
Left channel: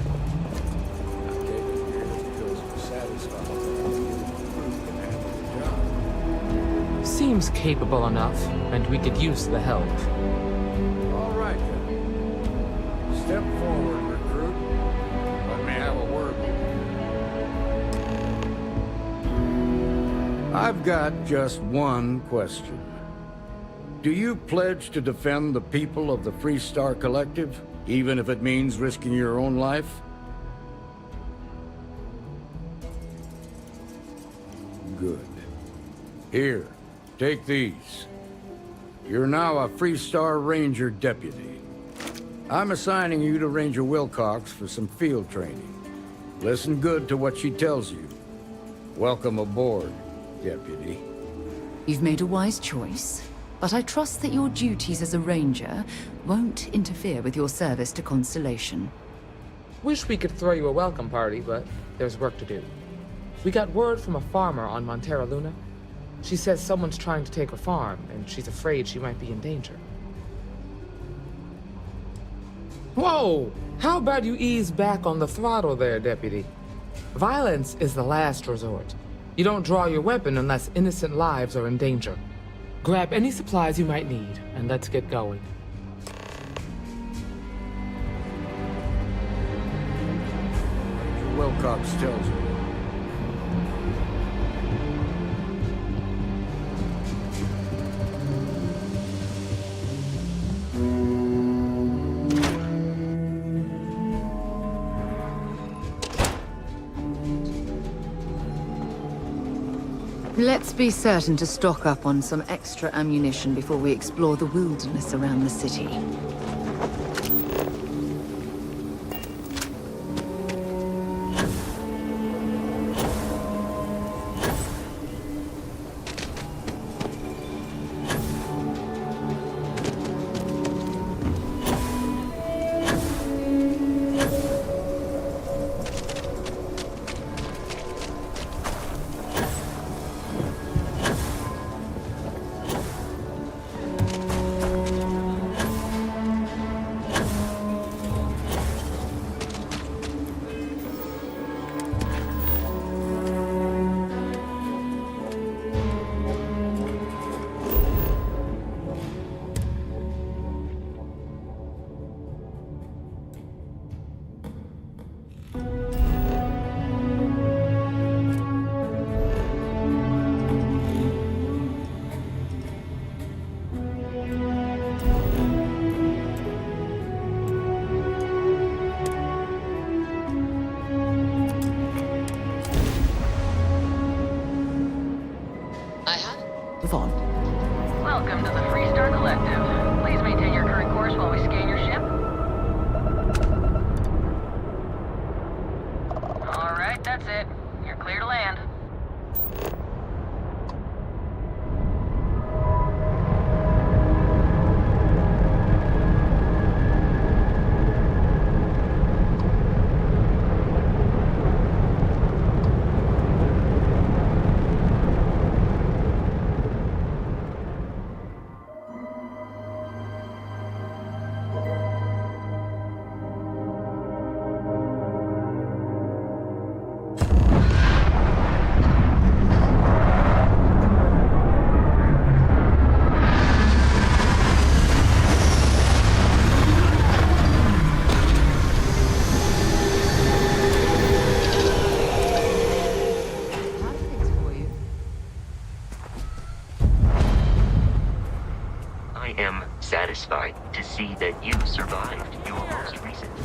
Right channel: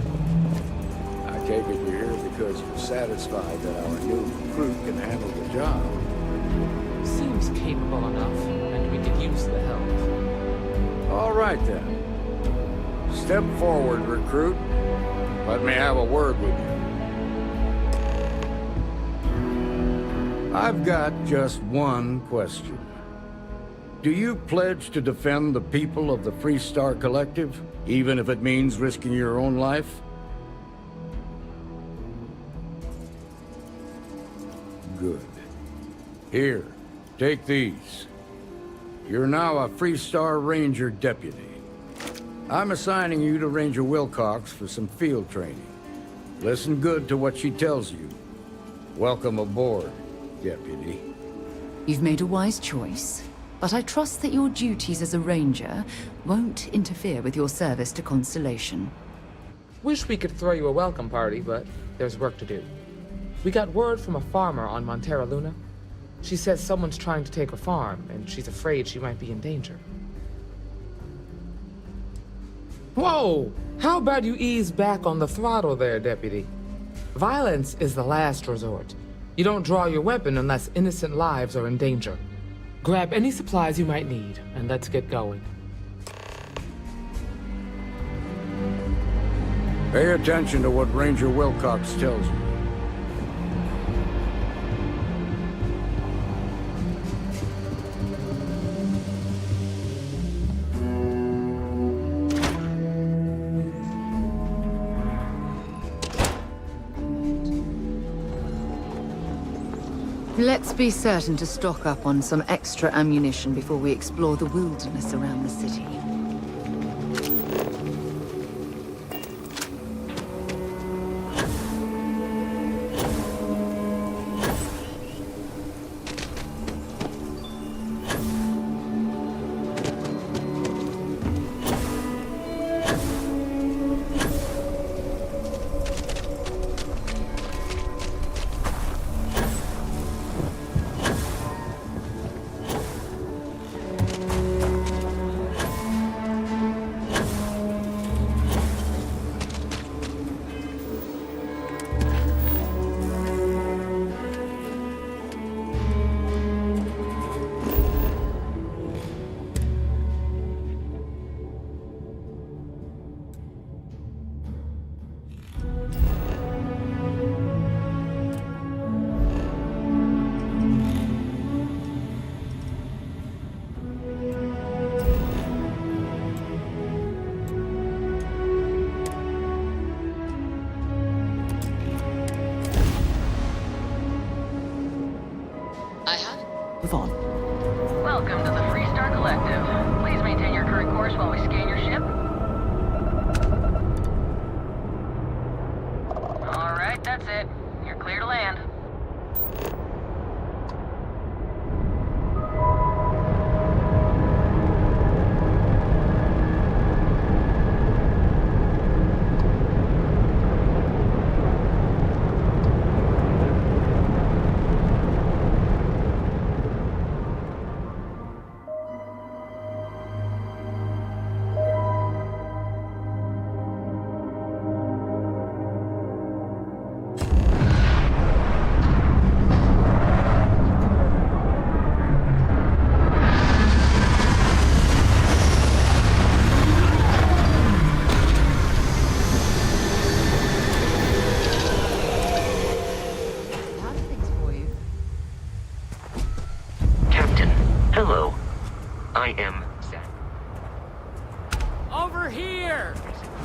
I take it you're here because you're satisfied that our new recruit can handle the job. Seems capable enough, and we could use the help. All right, then. Step forward, recruit. Let me have a word with you. I've got just one question. Do you pledge to defend the people of the Freestar Collective, even if it means risking your own life? Good. Here, take these. You're now a Freestar Ranger deputy. I'm assigning you to Ranger Wilcox for some field training. Listen good to what she tells you. Welcome aboard, deputy. You've made a wise choice, but I trust that your duties as a ranger won't interfere with your service to Constellation. Wish we could throw you a welcome party, but there's work to do. We got word from a farmer on Montera Luna. She says someone's trying to take her farm, and she's afraid she might be in danger. Whoa! How about you ease back on the throttle there, Deputy? Violence is the last resort. You don't draw your weapon unless innocent lives are in danger. Grab any supplies you might need, and let's get going. Pay attention to what Ranger Wilcox tells you. Let's be certain to stock up on some extra ammunition before we explore the wilderness around the city. Move on. Welcome to the Freestar Collective. Please maintain your current course while we scan your ship. All right, that's it. You're clear to land. satisfied to see that you survived Over here! your most recent